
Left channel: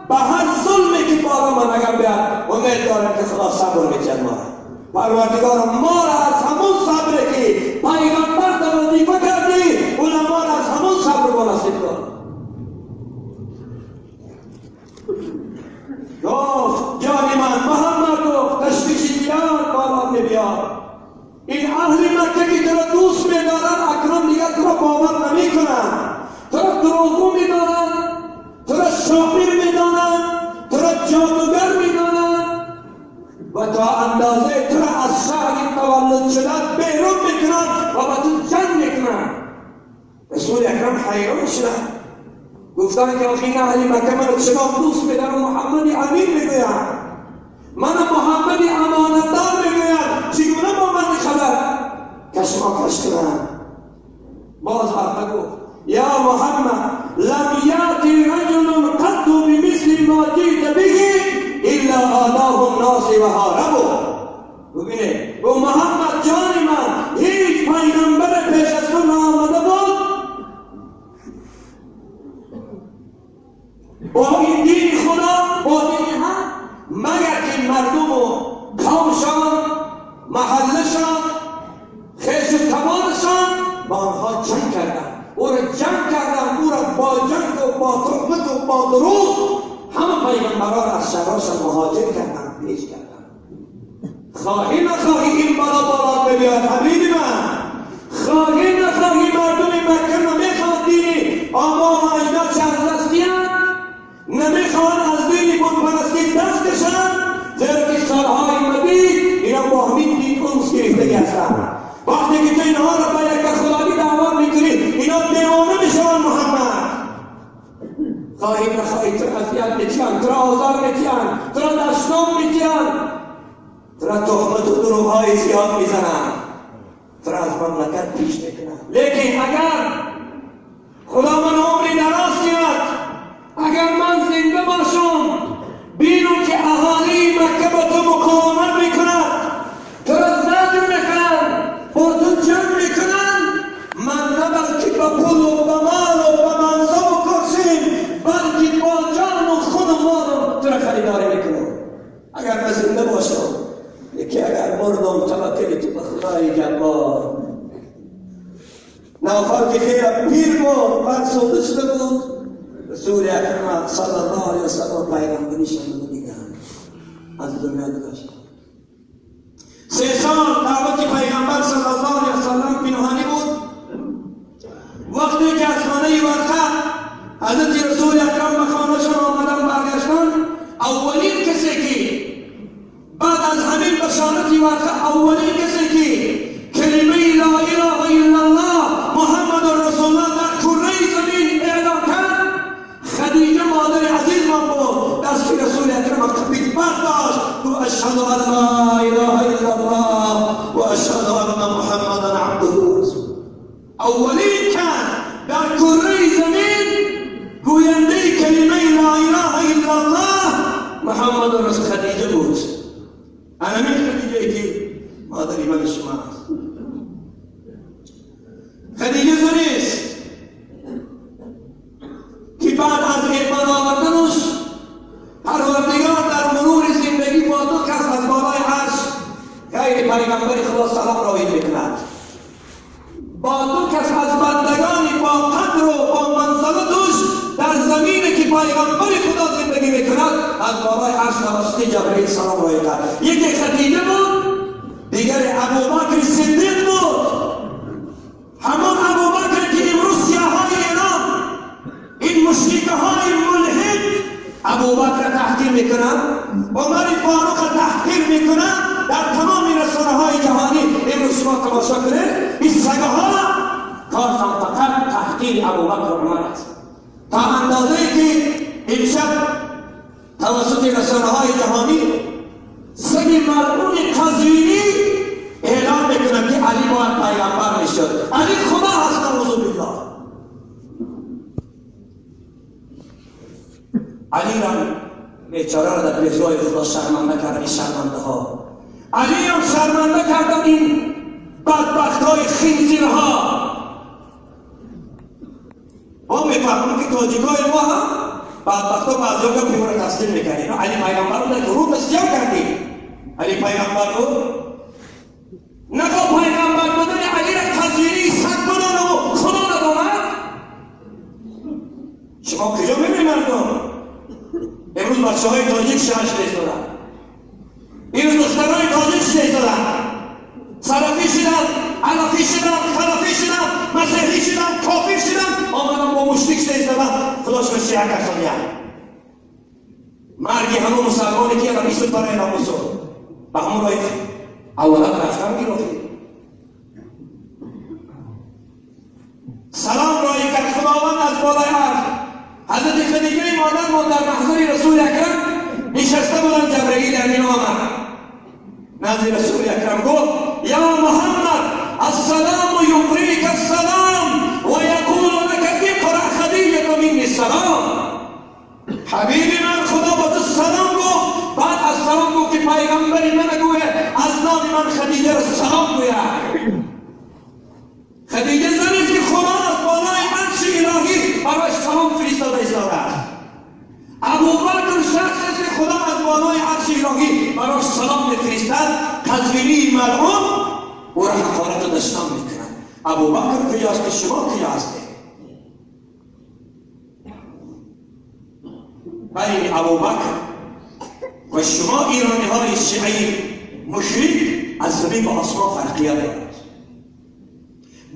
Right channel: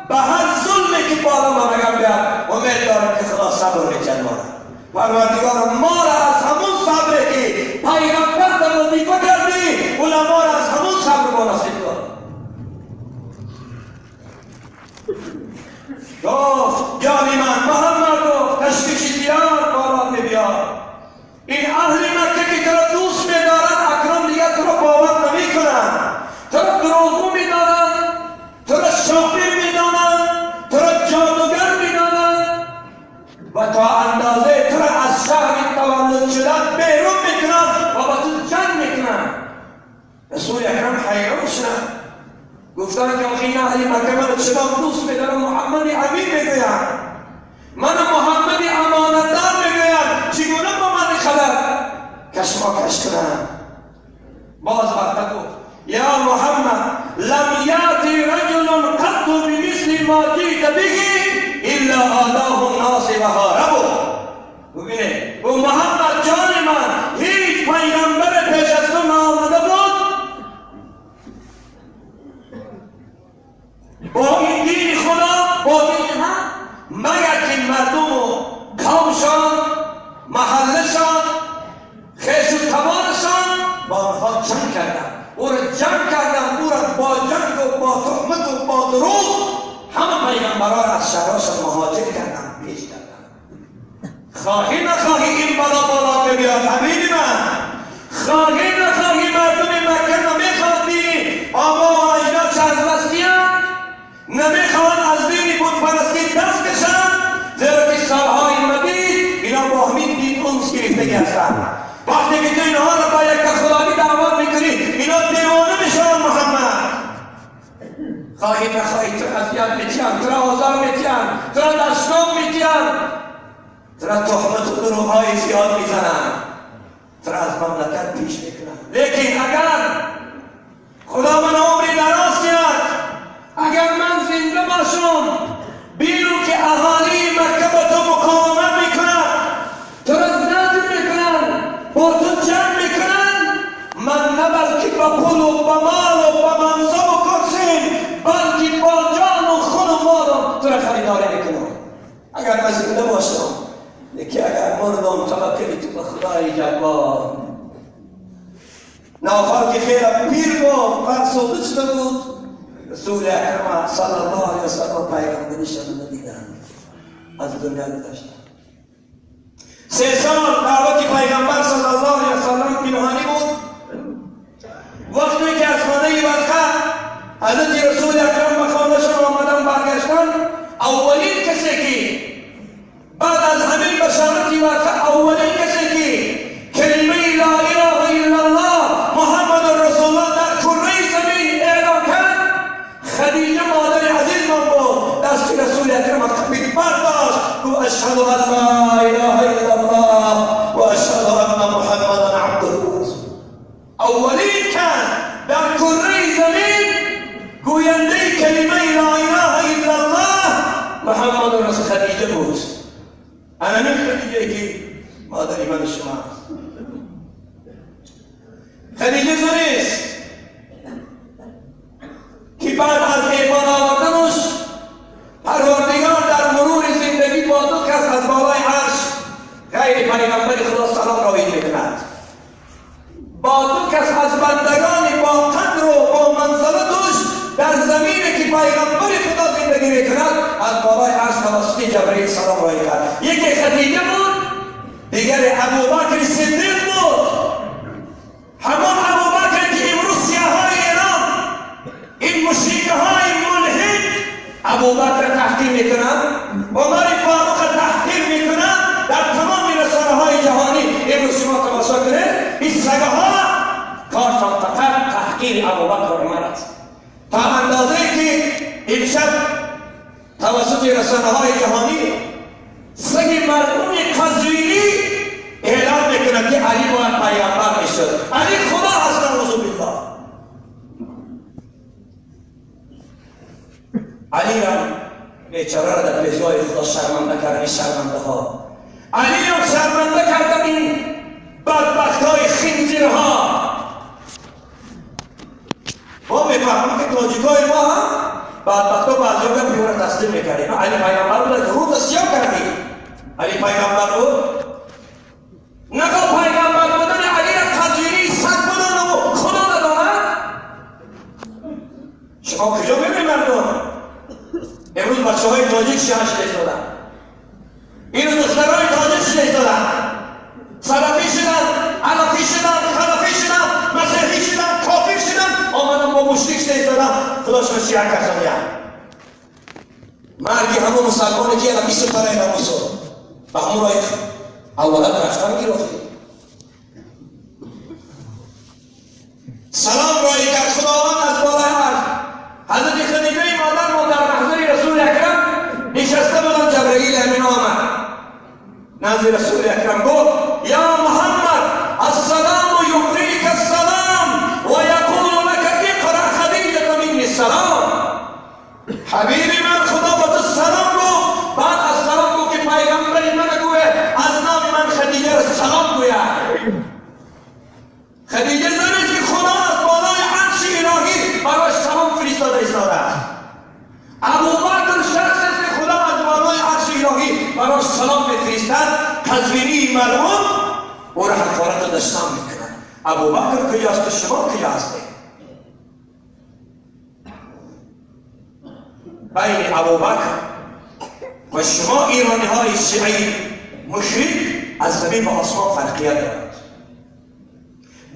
به هر ظلمی که بالا ما نگم بیاد امید دارم که خدا صبر میکرد. ما پروردگار ما را از همون صبری که پیغمبر در وظیفه کردی علما را از همون صبر ما نصیب کن. گفت جانی من محمد گفت تشویش زیاد بالا میبیاد. این اهل مکه که تو را دوست میدارن اکرم دیگر تو را باور نمی کنن، تو را دروغگو میدانن، تو را شاعر میدانن، تو را جادوگر میدانن و تا اندازه تو را از شهر تولد شدن بیرون میکنن و با تو جنگ میکنن. رسول اکرم حیران شدن، گفتن که آخی اهل مکه من چرا دوست میدارن؟ محمد امین میگویم، من محمد امانتدار میگویم، چگونه با من خبر کشماکش کنم؟ باز وقتا گفت یا محمد لم یاتی رجل قط بمثل ما جئت به الا آذاه الناس و هاربوا. ببینید گفت محمد جان من هیچ پیغمبر پیش از تو نآمده بود با این دین خدا، با دین هم، مگر که مردم و قومشان محلشان خیش و توانشان با آنها جنگ کردن، او را جنگ کردن، او را با جنگ و با تهمت و با دروغ همه پیغمبران را از شهرشان مهاجر کردن، پیش کردن. خواهی نخواهی این بالا بالا بیاد حبیبی من، خواهی نخواهی مردم مکه نمیخواد دینی آبا و اجداد چه از دستیان، نمیخوان از دینی بود پرستی دست کشن، زیرا که سالهای مدید اینا با همین دین اونس گرفتگی هستن. وقتی که تو اینها را با یک خدایی دعوت میکنی اینا دیوانه میشن. محمد خواهی نخواهی تو اذیت میتین، تو را آزار میتین، تو را دشنام میتین، تو را تهمت و دروغهای زیاد میزنن، تو را از مملکت پیش میکنن. لیکن اگر خدا من عمری دراز کرد، اگر من زنده باشم بینم که اهالی مکه با تو مقاومت میکنن، تو را زجر میکنن، با تو جنگ میکنن، من نه بلکه با پول و با مال و با منصب و کرسی بلکه با جان و خون و مالم تو را خریداری میکنم. اگر من زنده باشم، لیکن اگر مردم توکلی تو به خدای جبار. نوفل که خیلی پیر بود، فرسوده شده بود، رسول اکرم صلی الله علیه وسلم پیغمبرش رو ندیدن، از دنیا گذشت. 3 سال دعوت پیغمبر صلی الله علیه وسلم پنهانی بود. وقتی که از خانه ورقه حضرت رسول اکرم به خانهشان آمدن برگشتن، اولین کسی که بعد از همین بشارت ورقه، اولین کسی که کلمه لا اله الا الله محمد رسول الله در کره زمین اعلام کرد خدیجه مادر عزیز من بود. دست رسول اکرم تکبیر برداشت، گفت اشهد ان لا اله الا الله و اشهد ان محمدا عبده و رسوله. اولین کس در کره زمین گوینده کلمه لا اله الا الله محمد رسول خدیجه بود. همین خدیجه که مادر من شما، خدیجه زنیست از بالای عرش توسط جبرئیل سلام رای کرد. یکی خدیجه بود، دیگر ابوبکر صدیق بود. همان ابوبکر که امروز سیاهای ایران این مشرکهای ملحد ابوبکر تحقیر میکنند، عمر فاروق تحقیر میکنند، در تمام رسانه‌های جهانی امروز شما تماشا کنید این سگه‌ها کارشان فقط تحقیر ابوبکر و عمر است. تا اندازه که امشب توسط رسانه‌های جهانی سگ ملعون قزوینی اعلام میکنند که علی باید پیامبر میشد. علی خدا هست، نعوذ بالله. علی را بیچاره را در پیشگاه خدا شرمنده کردن. این شرمنده ها علی را شرمنده کردن، این بدبخت های خنزیرها. ما میفهمیم که تاجیکای ما هم بدبخت ها بعضی ها بیمار تسلیم میکردیم. علی پیغمبر رو در رو دستیاب کردیم. علی پیغمبر رو نگاه پیغمبر بودن علی را قزوینی صد بدن و خدا ندامد. شما کجا ببینید مردم امروز بچه های تاجیک شیعه شدن، این دخترهای تاجیک شدن، سلفی شدن، علفی شدن، خلفی شدن، مسیحی شدن، کافر شدن، آمدن با مشرک شدن، خداش به شیعه کسانیان. مرگی همون مسلمانی که اگر 20 تاره ناموسو به همون رای اولاد رفتن گرفتی. سلام رای کرد خداوند از بالای عرش. حضرت خدیجه مادر ما در محضر رسول اکرم نشسته بودن، جبرئیل امین آمد نزد رسول اکرم گفت یا محمد السلام یقریک السلام و یقول لك اقرأ خدیجه منی السلام. حبیبی من خدا با تو سلام گفت، بعد از سلام گفت که پیغمبری من گوه از نام من خدیجه را سلام گوید. خدیجه زنی که خدا از بالای عرش الهی برای سلام فرستاده است. ابوبکر شخص است که خدا از بالای عرش الهی برای سلام میفرستد. قزوینی ملعون او را حقارت و دشنام میکنند. ابوبکر کجاست که شما کجا هستید؟ بین ابوبکر و شما ایرانی های شیعی مشرک از زمین به آسمان فرقیت دارد.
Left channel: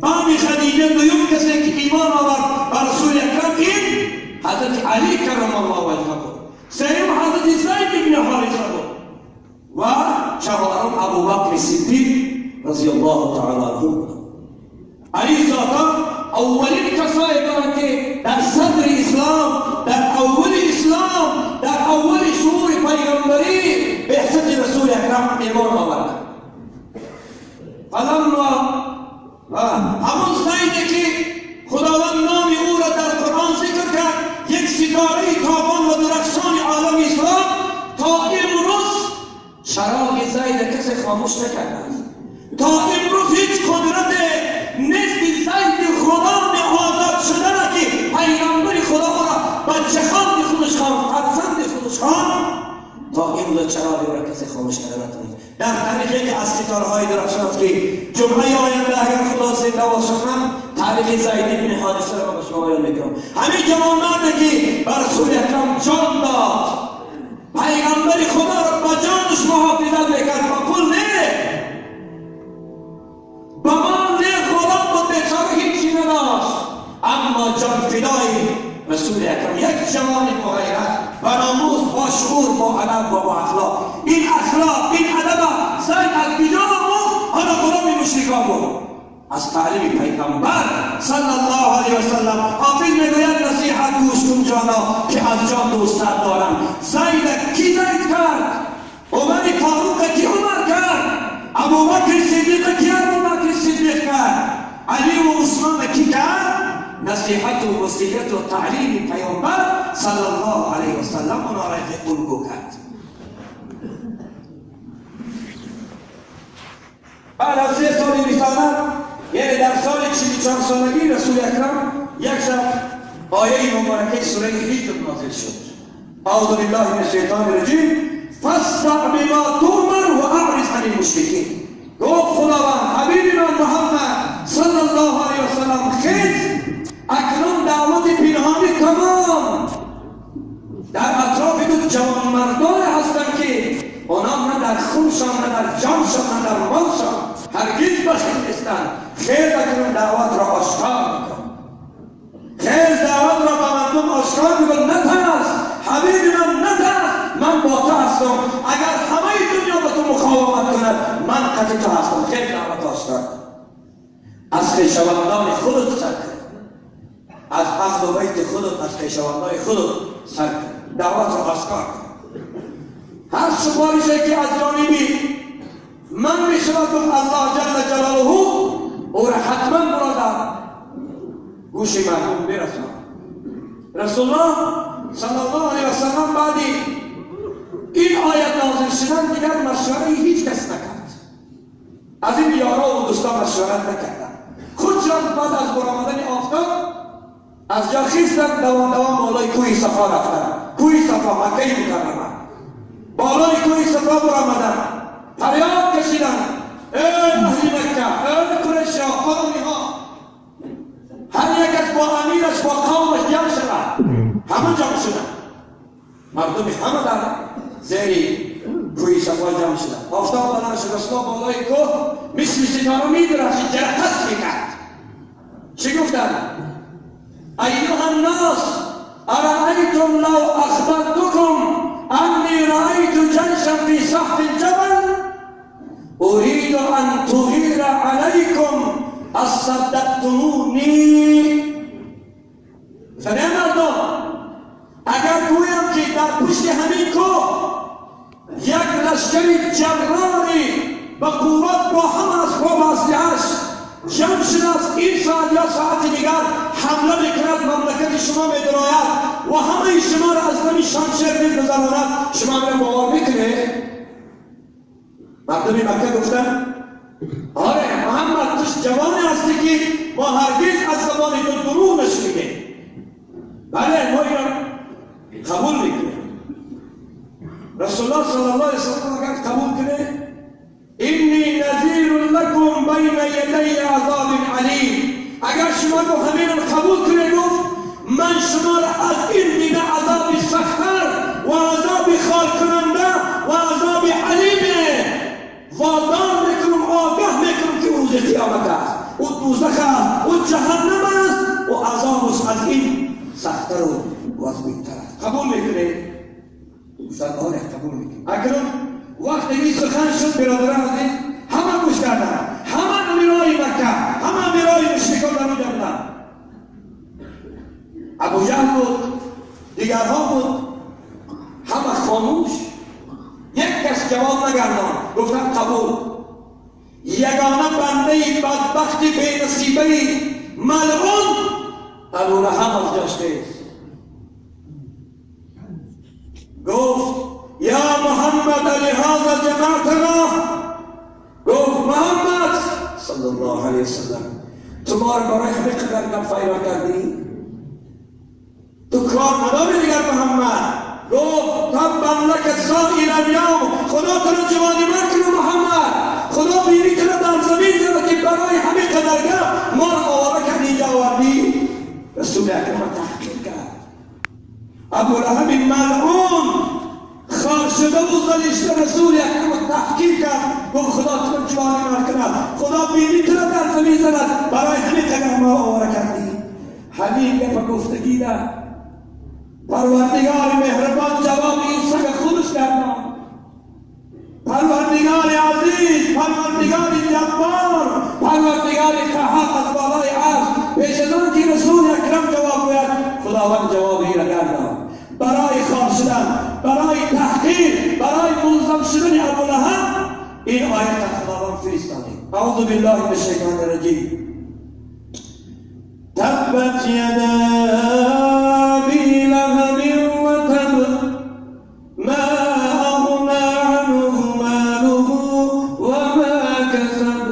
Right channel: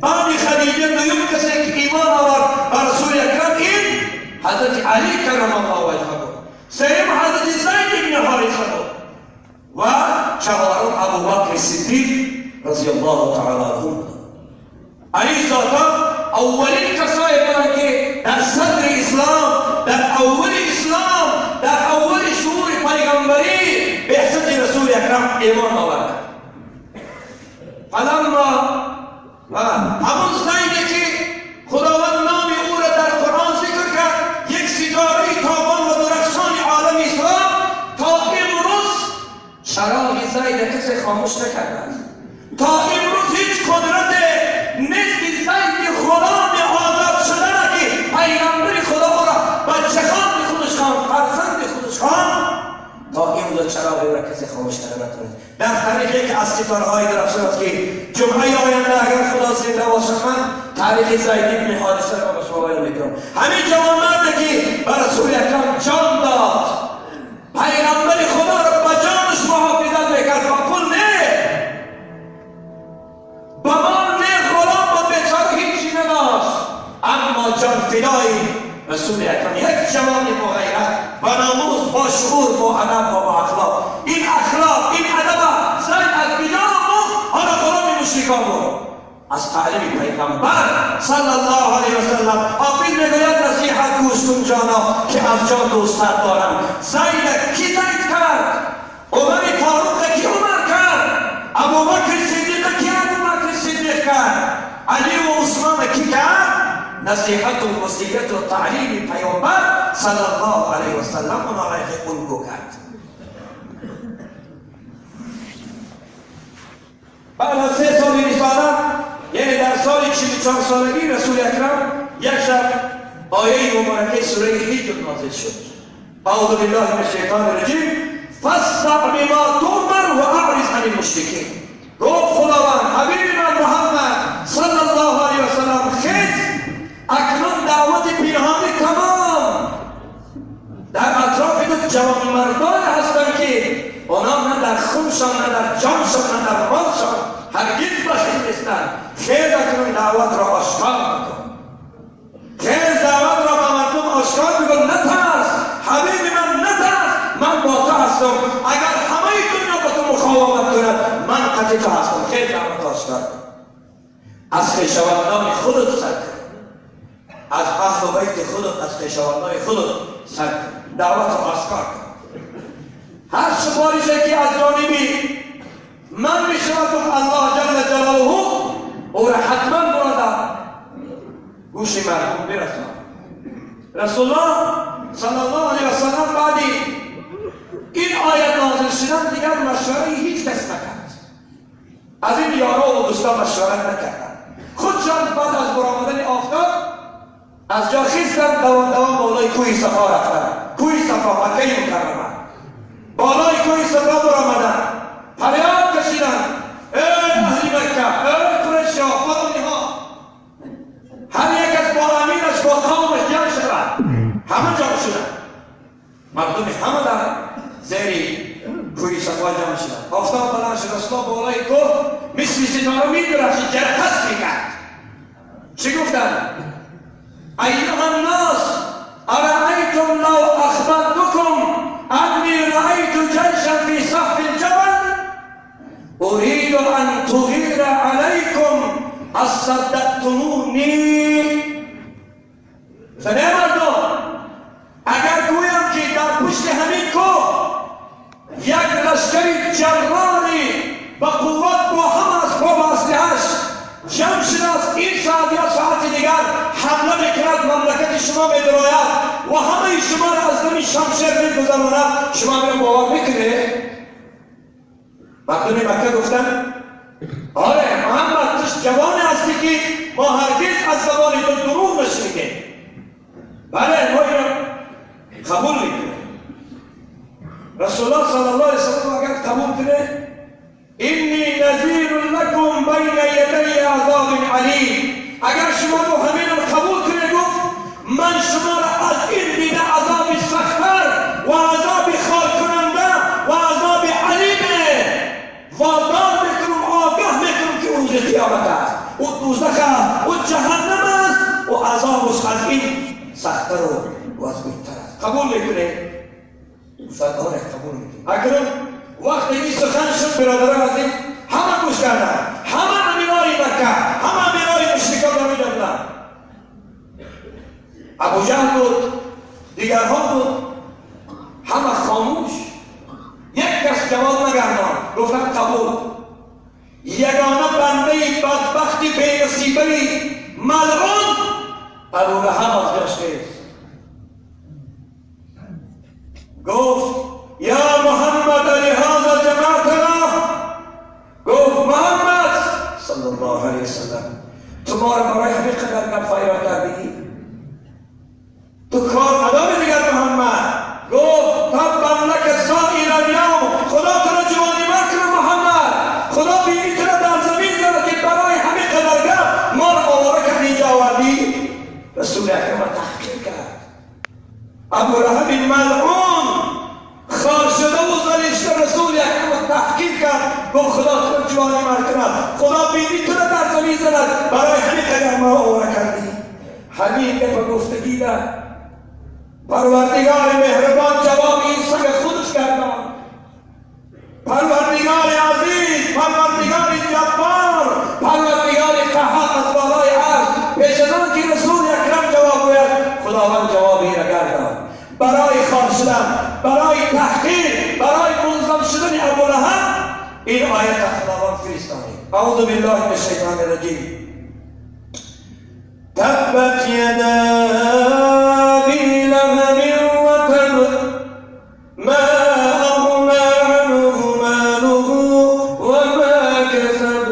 بعد خدیجه دوم کسی که ایمان آورد بر رسول اکرم این حضرت علی کرم الله وجهه، سوم حضرت زید بن حارثه و چهارم ابوبکر صدیق رضی الله تعالی عنه. علی ذاتا اولین کسایی بودند که در صدر اسلام، در اول اسلام، در اول شهور پیغمبری به بعثت رسول اکرم ایمان آورد. فلما همون زیدی که خداوند نام او را در قرآن ذکر کرد، یک ستاره تابان و درخشان عالم اسلام، تا امروز شرای زید کسی خاموش نکرد. تا امروز هیچ قدرت نزد زید خدا به آزاد شدن که پیغمبر خدا او را بچه خان به خودش خواند، فرزند خودش خواند، تا امروز چرای او را کسی خاموش نتوانید. در تاریخی که از ستاره‌های درخشان است که جمعه آینده اگر خدا زنده باشد من تاریخ زید بن حارثه را به شما بیان میکنم. همین جوانمردی که بر رسول اکرم جان داد، پیغمبر خدا را به جانش محافظت میکرد، با پول نه، با مال نه، غلام و بیچاره هیچی نداشت، اما جان فدای رسول اکرم. یک جوان با غیرت، با ناموس، با شعور، با ادب و با اخلاق. این اخلاق، این ادب زید از کجا بود؟ حالا غلام مشرکان بود. از تعلیم پیغمبر صلی الله علیه و سلم. حافظ میگوید نصیحت گوش کن جانا که از جان دوستت دارم. زید کی زید کرد؟ عمر فاروق کی عمر کرد؟ ابوبکر صدیق کی ابوبکر صدیق کرد؟ علی و عثمان کی کرد؟ نصیحت و وصیت و تعلیم پیامبر صلی الله علیه و سلم اونا را اون کرد. بعد از 3 سال رسالت، یعنی در سال 44 سالگی رسول اکرم یک شب آیه مبارکه سوره حجر نازل شد. اعوذ بالله من الشیطان الرجیم فاصدع بما تؤمر و اعرض عن المشرکین. گفت خداوند حبیب من محمد صلی الله علیه و سلم خیز اکنون دعوت پنهانی تمام در اطراف تو جوانمردان در خونشان، نه در جانشان، نه در مالشان هرگز بخیل نیستند. خیر بکنون، دعوت را آشکار بکن، خیر دعوت را به مردم آشکار بکن. نترس حبیب من، نترس، من با تو هستم. اگر همه دنیا با تو مقاومت کند، من قطع تو هستم. خیر دعوت آشکار، از خویشاوندان خودت سر کن، از اهل بیت خودت، از خویشاوندان خودت سر کن، دعوت را آشکار کن. هر سفارشی که از جانبی من میشود الله جل جلاله او را حتما برادر گوش مردم برساند. رسول الله صلی الله علیه و سلم بعدی این آیت نازل شدن دیگر مشوره هیچ کس نکرد، از این یارا و دوستان مشورت نکردند. خودشان بعد از برآمدن آفتاب از جا خیستند، دوام بالای کوه صفا رفتند. کوه صفا مکه مکرمه، بالای کوه صفا برآمدند، فریاد کشیدند ای اهل مکه، ای قریشا، فلانی ها، هر یک از با امینش با قومش جمع شدند. همه جمع شدند، مردم همه در زیر کوه صفا جمع شدند. آفتاب بلند شد، رسول الله بالای کوه مثل ستاره می‌درخشید، جرقه می‌کرد. چی گفتند؟ ایها الناس ارأیتم لو اخبرتکم انی رأیت جیشا فی صف الجبل اريد ان تغیر علیکم اصدقتمونی. زنه مردم، اگر گویم که در پشت همین کوه یک لشکری جراری به قوت با هم از قوم اسلحه‌اش جمع شده است، این ساعت یا ساعت دیگر حمله میکند، مملکت شما می‌دراید و همه شما را از نمی شمشیر می‌گذراند، شما می‌را باور میکنه؟ مردم مکه گفتن آره محمد تو جوانی هستی که ما هرگز از زبان تو دروغ نشنیدیم. بله ما را قبول میکنه. رسول الله صلی الله علیه وسلم اگر قبول کنه اینی نذیر لکم بین یدی عذاب علیم، اگر شما رو همین قبول کنه گفت من شما را از این بین عذاب سخت‌تر و عذاب خال کننده و عذاب علیم وادار میکنم، آگاه میکنم که روز قیامت است، او دوزخ است، او جهنم است و عذابش از این سخت‌تر و از بهتر است. قبول میکنه؟ سرکار قبول میکنه. اکنون وقتی این سخن شد برادران عزیز همه گوش کردند، همه امیرای مکه، همه امیرای مشرکان در اونجا بودند. ابو جهل بود، دیگرها بود، همه خاموش، یک کس جواب نگرداند. گفتند قبول. یگانه بنده بدبخت بی نصیبه ملعون ابو لهب از جاش خیست، گفت یا محمد لهذا جماعتنا، گفت محمد صلی الله علیه وسلم تو ما را برای همین قدر نفیرا کردی؟ تو کار نداری دیگر محمد؟ گفت تبا لک سائر اليوم، خدا تو را جوانی کنه محمد، خدا بیمی تو را در زمین زده که برای همین قدرگاه ما را آواره کردی اینجا آوردی. رسول اکرم تحقیق کرد. ابو لهب ملعون خار شده و زلیشته رسول اکرم تحقیق کرد، گفت خدا تو را جوانی کند، خدا بیمی تو را در زمین زده برای همین قدر ما را آواره کردی. حبیب به گفتگی داد. پروردگار مهربان جواب این سگ خودش کردن. پروردگار عزیز، پروردگار جبار، پروردگار قهار از بالای عرش پیش از آن که رسول اکرم جواب گوید خداوند جوابی را گرداند. برای خار شدن، برای تحقیر، برای ملزم شدن ابو لهب این آیت را خداوند فرستاد. اعوذ بالله من الشیطان الرجیم. تبت یدا ابی لهب وتب ما اغنى عنه ماله وما كسب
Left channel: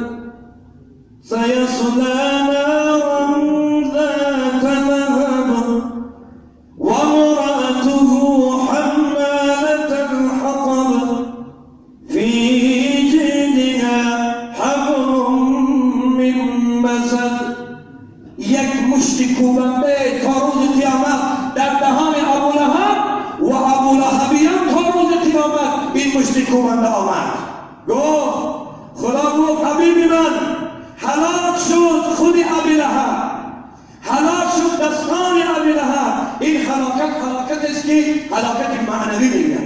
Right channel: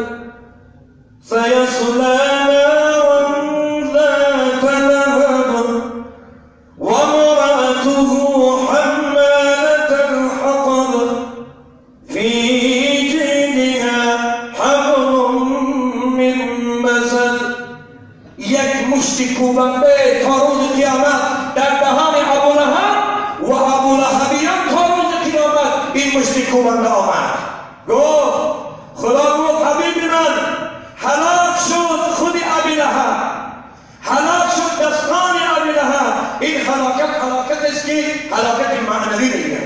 سيصلى نارا ذات لهب وامرأته حمالة الحطب في جيدها حبل من مسد. یک مشت کوبنده تا روز قیامت در دهان ابو لهب و ابو لهبیان تا روز آمد این مشتی کوبنده آمد. گفت خدا گفت حبیب من هلاک شد خود ابی لهب، هلاک شد دستان ابی لهب. این هلاکت است که هلاکت معنوی دیگر.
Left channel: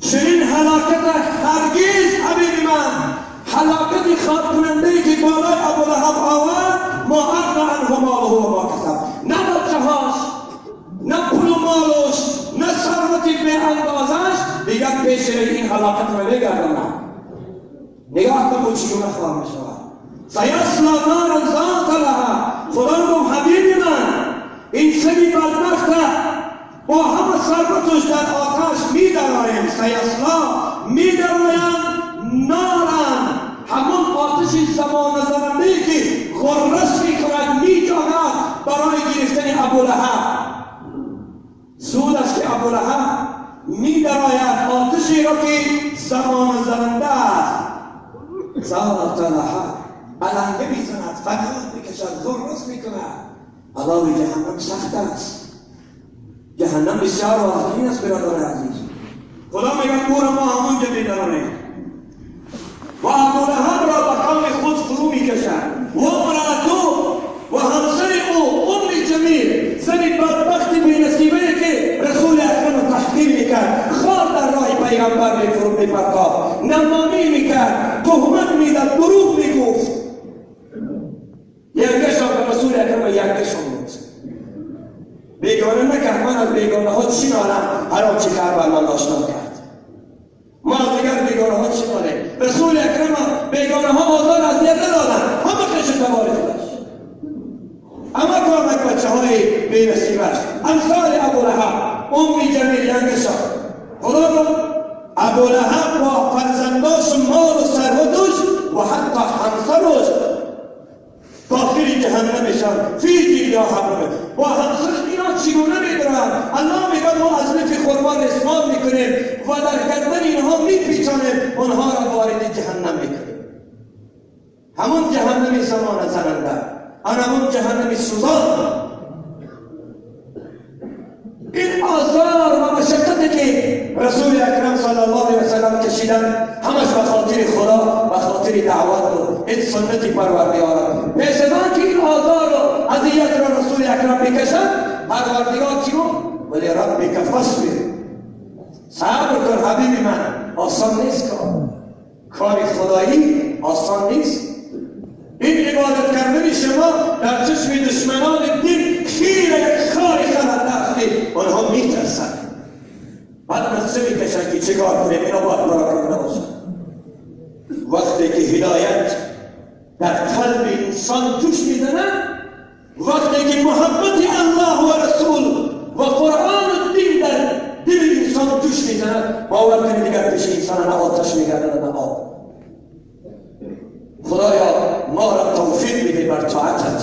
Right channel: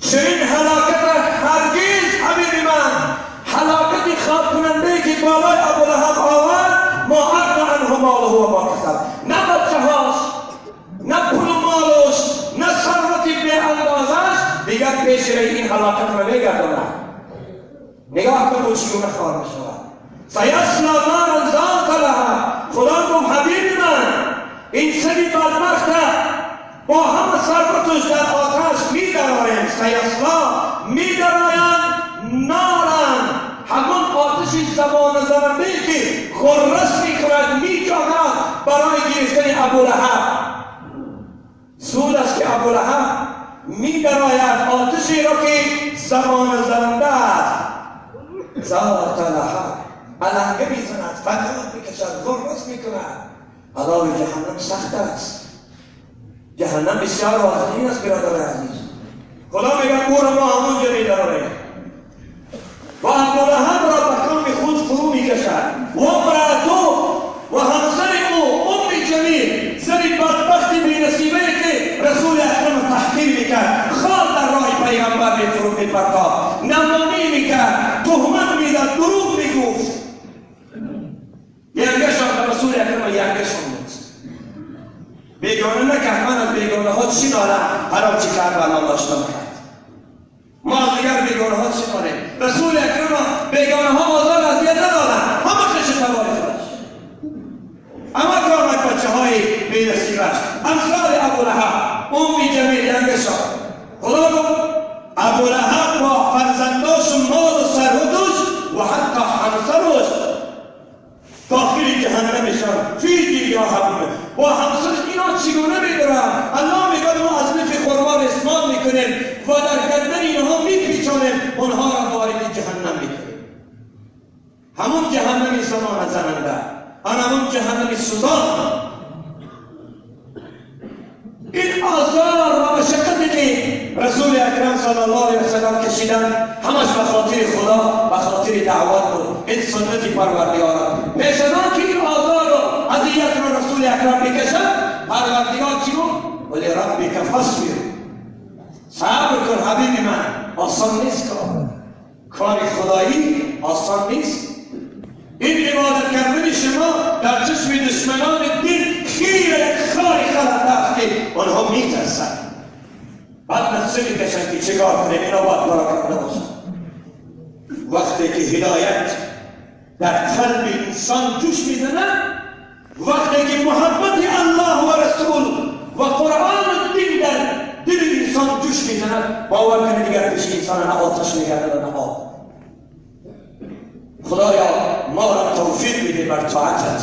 چنین هلاکت هرگز حبیب من هلاکت خواب کننده که بالای ابو لهب آورد ما اغنی عنه ماله و ما کسب، نه بچه هاش، نه پول و مالش، نه ثروت به اندازش دیگر پیش این هلاکت را بگرداند. نگاه کن چگونه خوار میشود. سیصلی نارا ذات لهب. خدا گفت حبیب من این سری بدبخت با همه ثروتش در آتش می درآیند. سیصلی می درآیند نارن، همون آتش زبان زننده که غرس می کند می جاید برای گرفتن ابو لهب. سود است که ابو لهب می درآید آتشی را که زبان زننده است. ذات لهب علنگه می زند، فریاد میکشد، غرس می کند. عذاب جهنم سخت است. جهنم بسیار واضحی است برادر عزیز. خدا میگه او را ما همونجا می درآوریم و ابو لهب را به قوم خود فرو میکشد و امرأته و همسر او ام جمیل، زنی بدبخت بی‌نصیبه که رسول اکرم تحقیر میکرد، خال در راه پیغمبر میفروخت، میپرتاب، نمانی میکرد، تهمت میزد، دروغ میگفت. یکشان به رسول اکرم یکشان بود. بیگانه نکرد. من از بیگانه ها چی نالم؟ حرام چی کرد و من داشتم کرد. ما از دیگر بیگانه ها چی نالیم؟ رسول اکرم بیگانه ها مازال از دیگر ندارن، همه کش تباری خودش، اما کامت بچه های بی‌نصیبش امثال ابو لهب، ام جمیل یکشان. خدا گفت ابو لهب با فرزنداش مال و ثروتش و حتی همسرش داخل جهنم میشن. فی جیاهم با همسر اینا چگونه میدارن؟ الله میگه ما از نف خرما استعمال میکنیم و در گردن اینها میپیچانیم، اونها را وارد جهنم میکنیم. همون جهنم زمان زننده، همون جهنم سوزان. این آزار و مشقتی که رسول اکرم صلی الله علیه وسلم کشیدن همش به خاطر خدا، به خاطر دعوت بود. این سنت پروردگار. پیش از آن که این آزار و اذیت را رسول اکرم بکشد، پروردگار چی بود؟ ولی ربک فاصبر، صبر کن حبیب من. آسان نیست کار خدایی آسان نیست. این عبادت کردن شما در چشم دشمنان دین خیر یک خاری خلنده است که آنها میترسند. بعد نفسه میکشند که چه کار کنیم، اینا باید پراکنده باشند. وقتی که هدایت در قلب انسان جوش میزند، وقتی که محبت الله و رسول و قرآن و دین در دل انسان جوش میزند، باور کنید دیگر پیش انسان نه آتش میگردد نه آب. خدایا ما را توفیق بده بر طاعتت.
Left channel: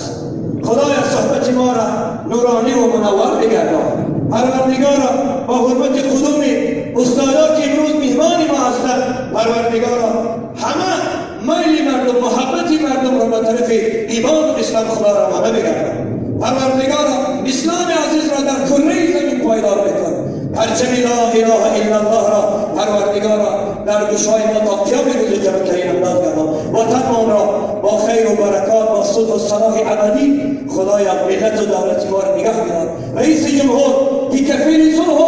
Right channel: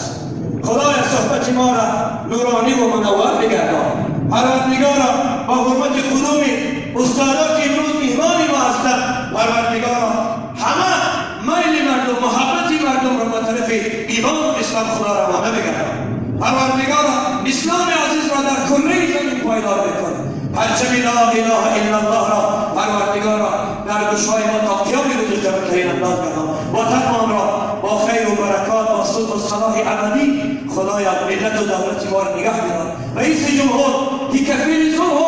خدایا صحبت ما را نورانی و منور بگردان. پروردگارا با حرمت کدوم استادا که امروز مهمان ما هستند، پروردگارا همه میل مردم، محبت مردم را به طرف ایمان و اسلام خدا را روانه بگردان. پروردگارا اسلام عزیز را در کره زمین پایدار بکن. پرچم لا اله الا الله را پروردگارا در گوشهای ما تا قیام روز جبرترین انداز گردان. وطن را با خیر و برکات، با صلح و صلاح ابدی خدایا ملت و دولت ما را نگه دار. رئیس جمهور که کفیل صلح و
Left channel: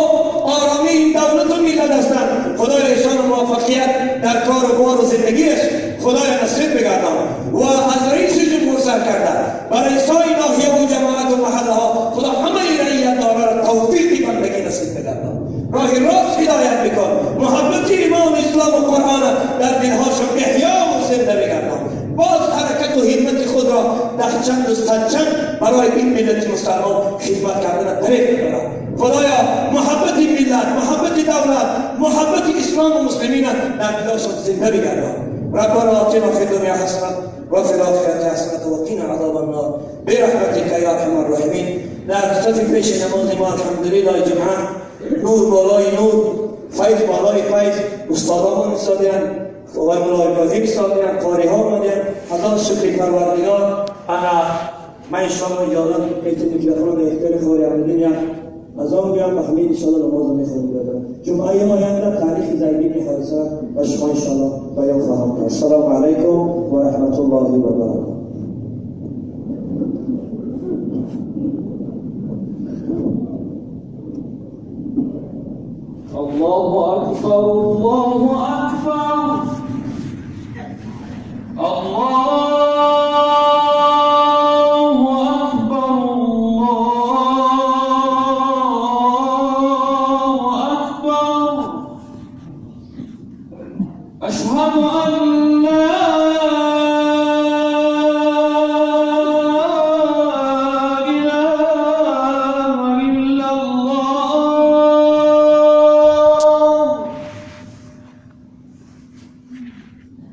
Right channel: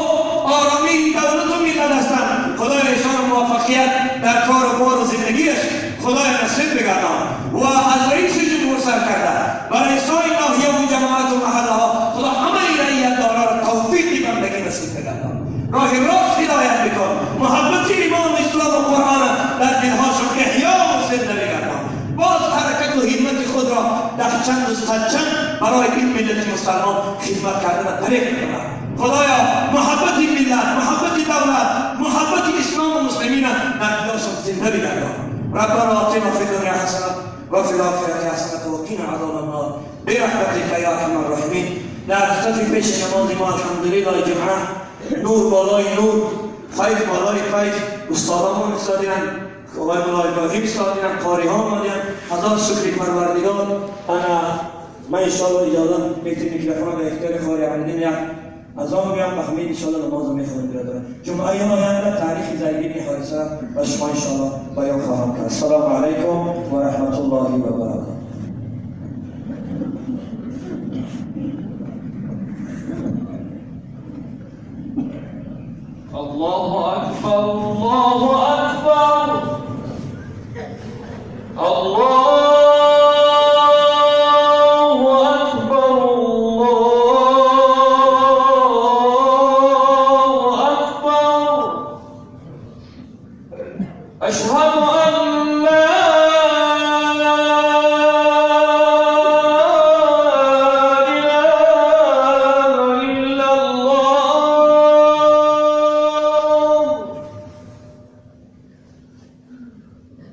آرامی این دولت و ملت هستند، خدای ایشان موفقیت در کار و بار و زندگیش خدای نصیب بگردان. و از رئیس جمهور سر کرده برای سای ناحیه و جماعت و محله ها خدا همه رعیت دارا را توفیقی بندگی نصیب بگردان. راه راست هدایت بکن. محبت ایمان و اسلام و قرآن در دلهاشون احیا و زنده بگردان. باز حرکت و همت خود را در چند و صدچند برای این ملت مسلمان خدمت کردن طریق بکنند. خدایا محبت ملت، محبت دولت، محبت اسلام و مسلمین در دلهاشون زنده بگردان. ربنا آتنا فی الدنیا حسنه و فی الاخره حسنه و قنا عذاب النار برحمتک یا ارحم الراحمین. در خدمت پیش نماز ما الحمدلله جمعه نور بالای نور، فیض بالای فیض، استادان ایستادند، آقای مولای ابراهیم ایستادند، قاری ها آمدند. هزار شکر پروردگار. من انشاءالله اجازه میکروفون به اختیار خوری عملی میام از آن بیان به همین انشاءالله نماز میخونیم برادران. جمعه آینده تاریخ زید بن حارثه و شما انشاءالله بیان خواهم کرد. السلام علیکم و رحمت الله و برکاته. الله أكبر الله أكبر الله أكبر الله أكبر أشهد أن لا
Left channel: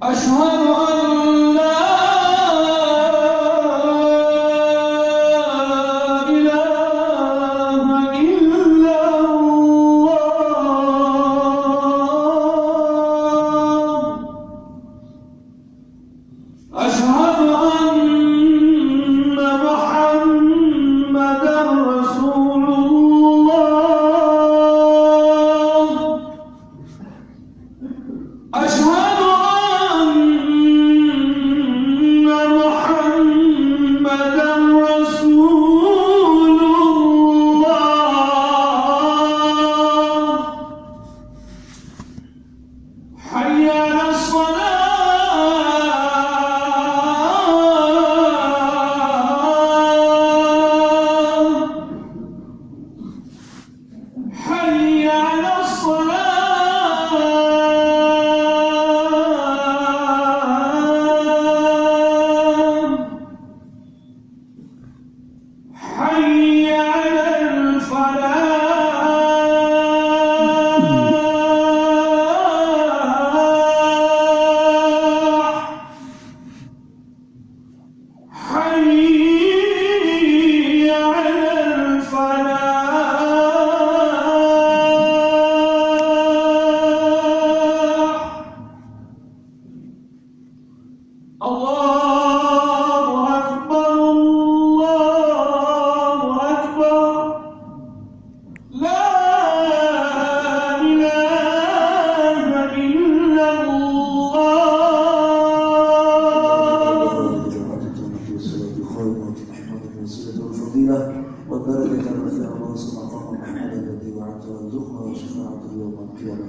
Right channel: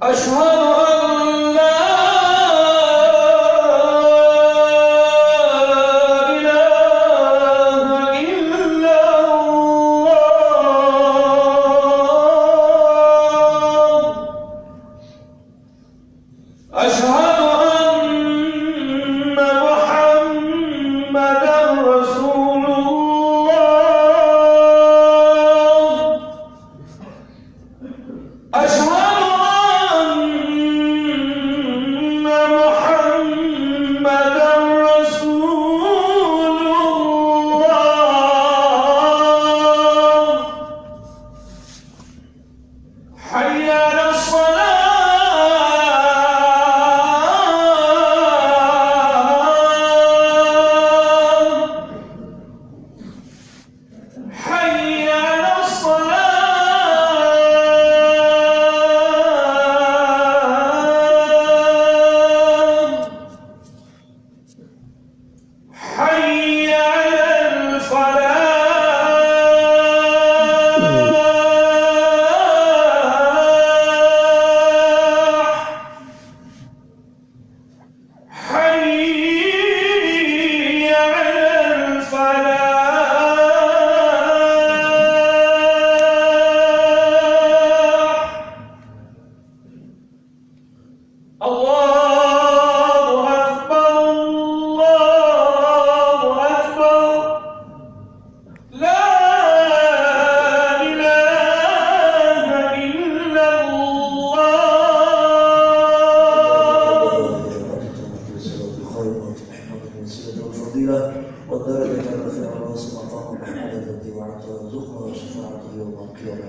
أشهد أن لا إله إلا الله أشهد أن محمدا رسول الله أشهد حي على الصلاة حي على الصلاة حي على الفلاح حي على الفلاح الله أكبر الله أكبر لا إله إلا الفضيلة والدرجة الرفيعة ووصل مقام محمد الذي وعدته وارزقنا وشفاعته يوم القيامة.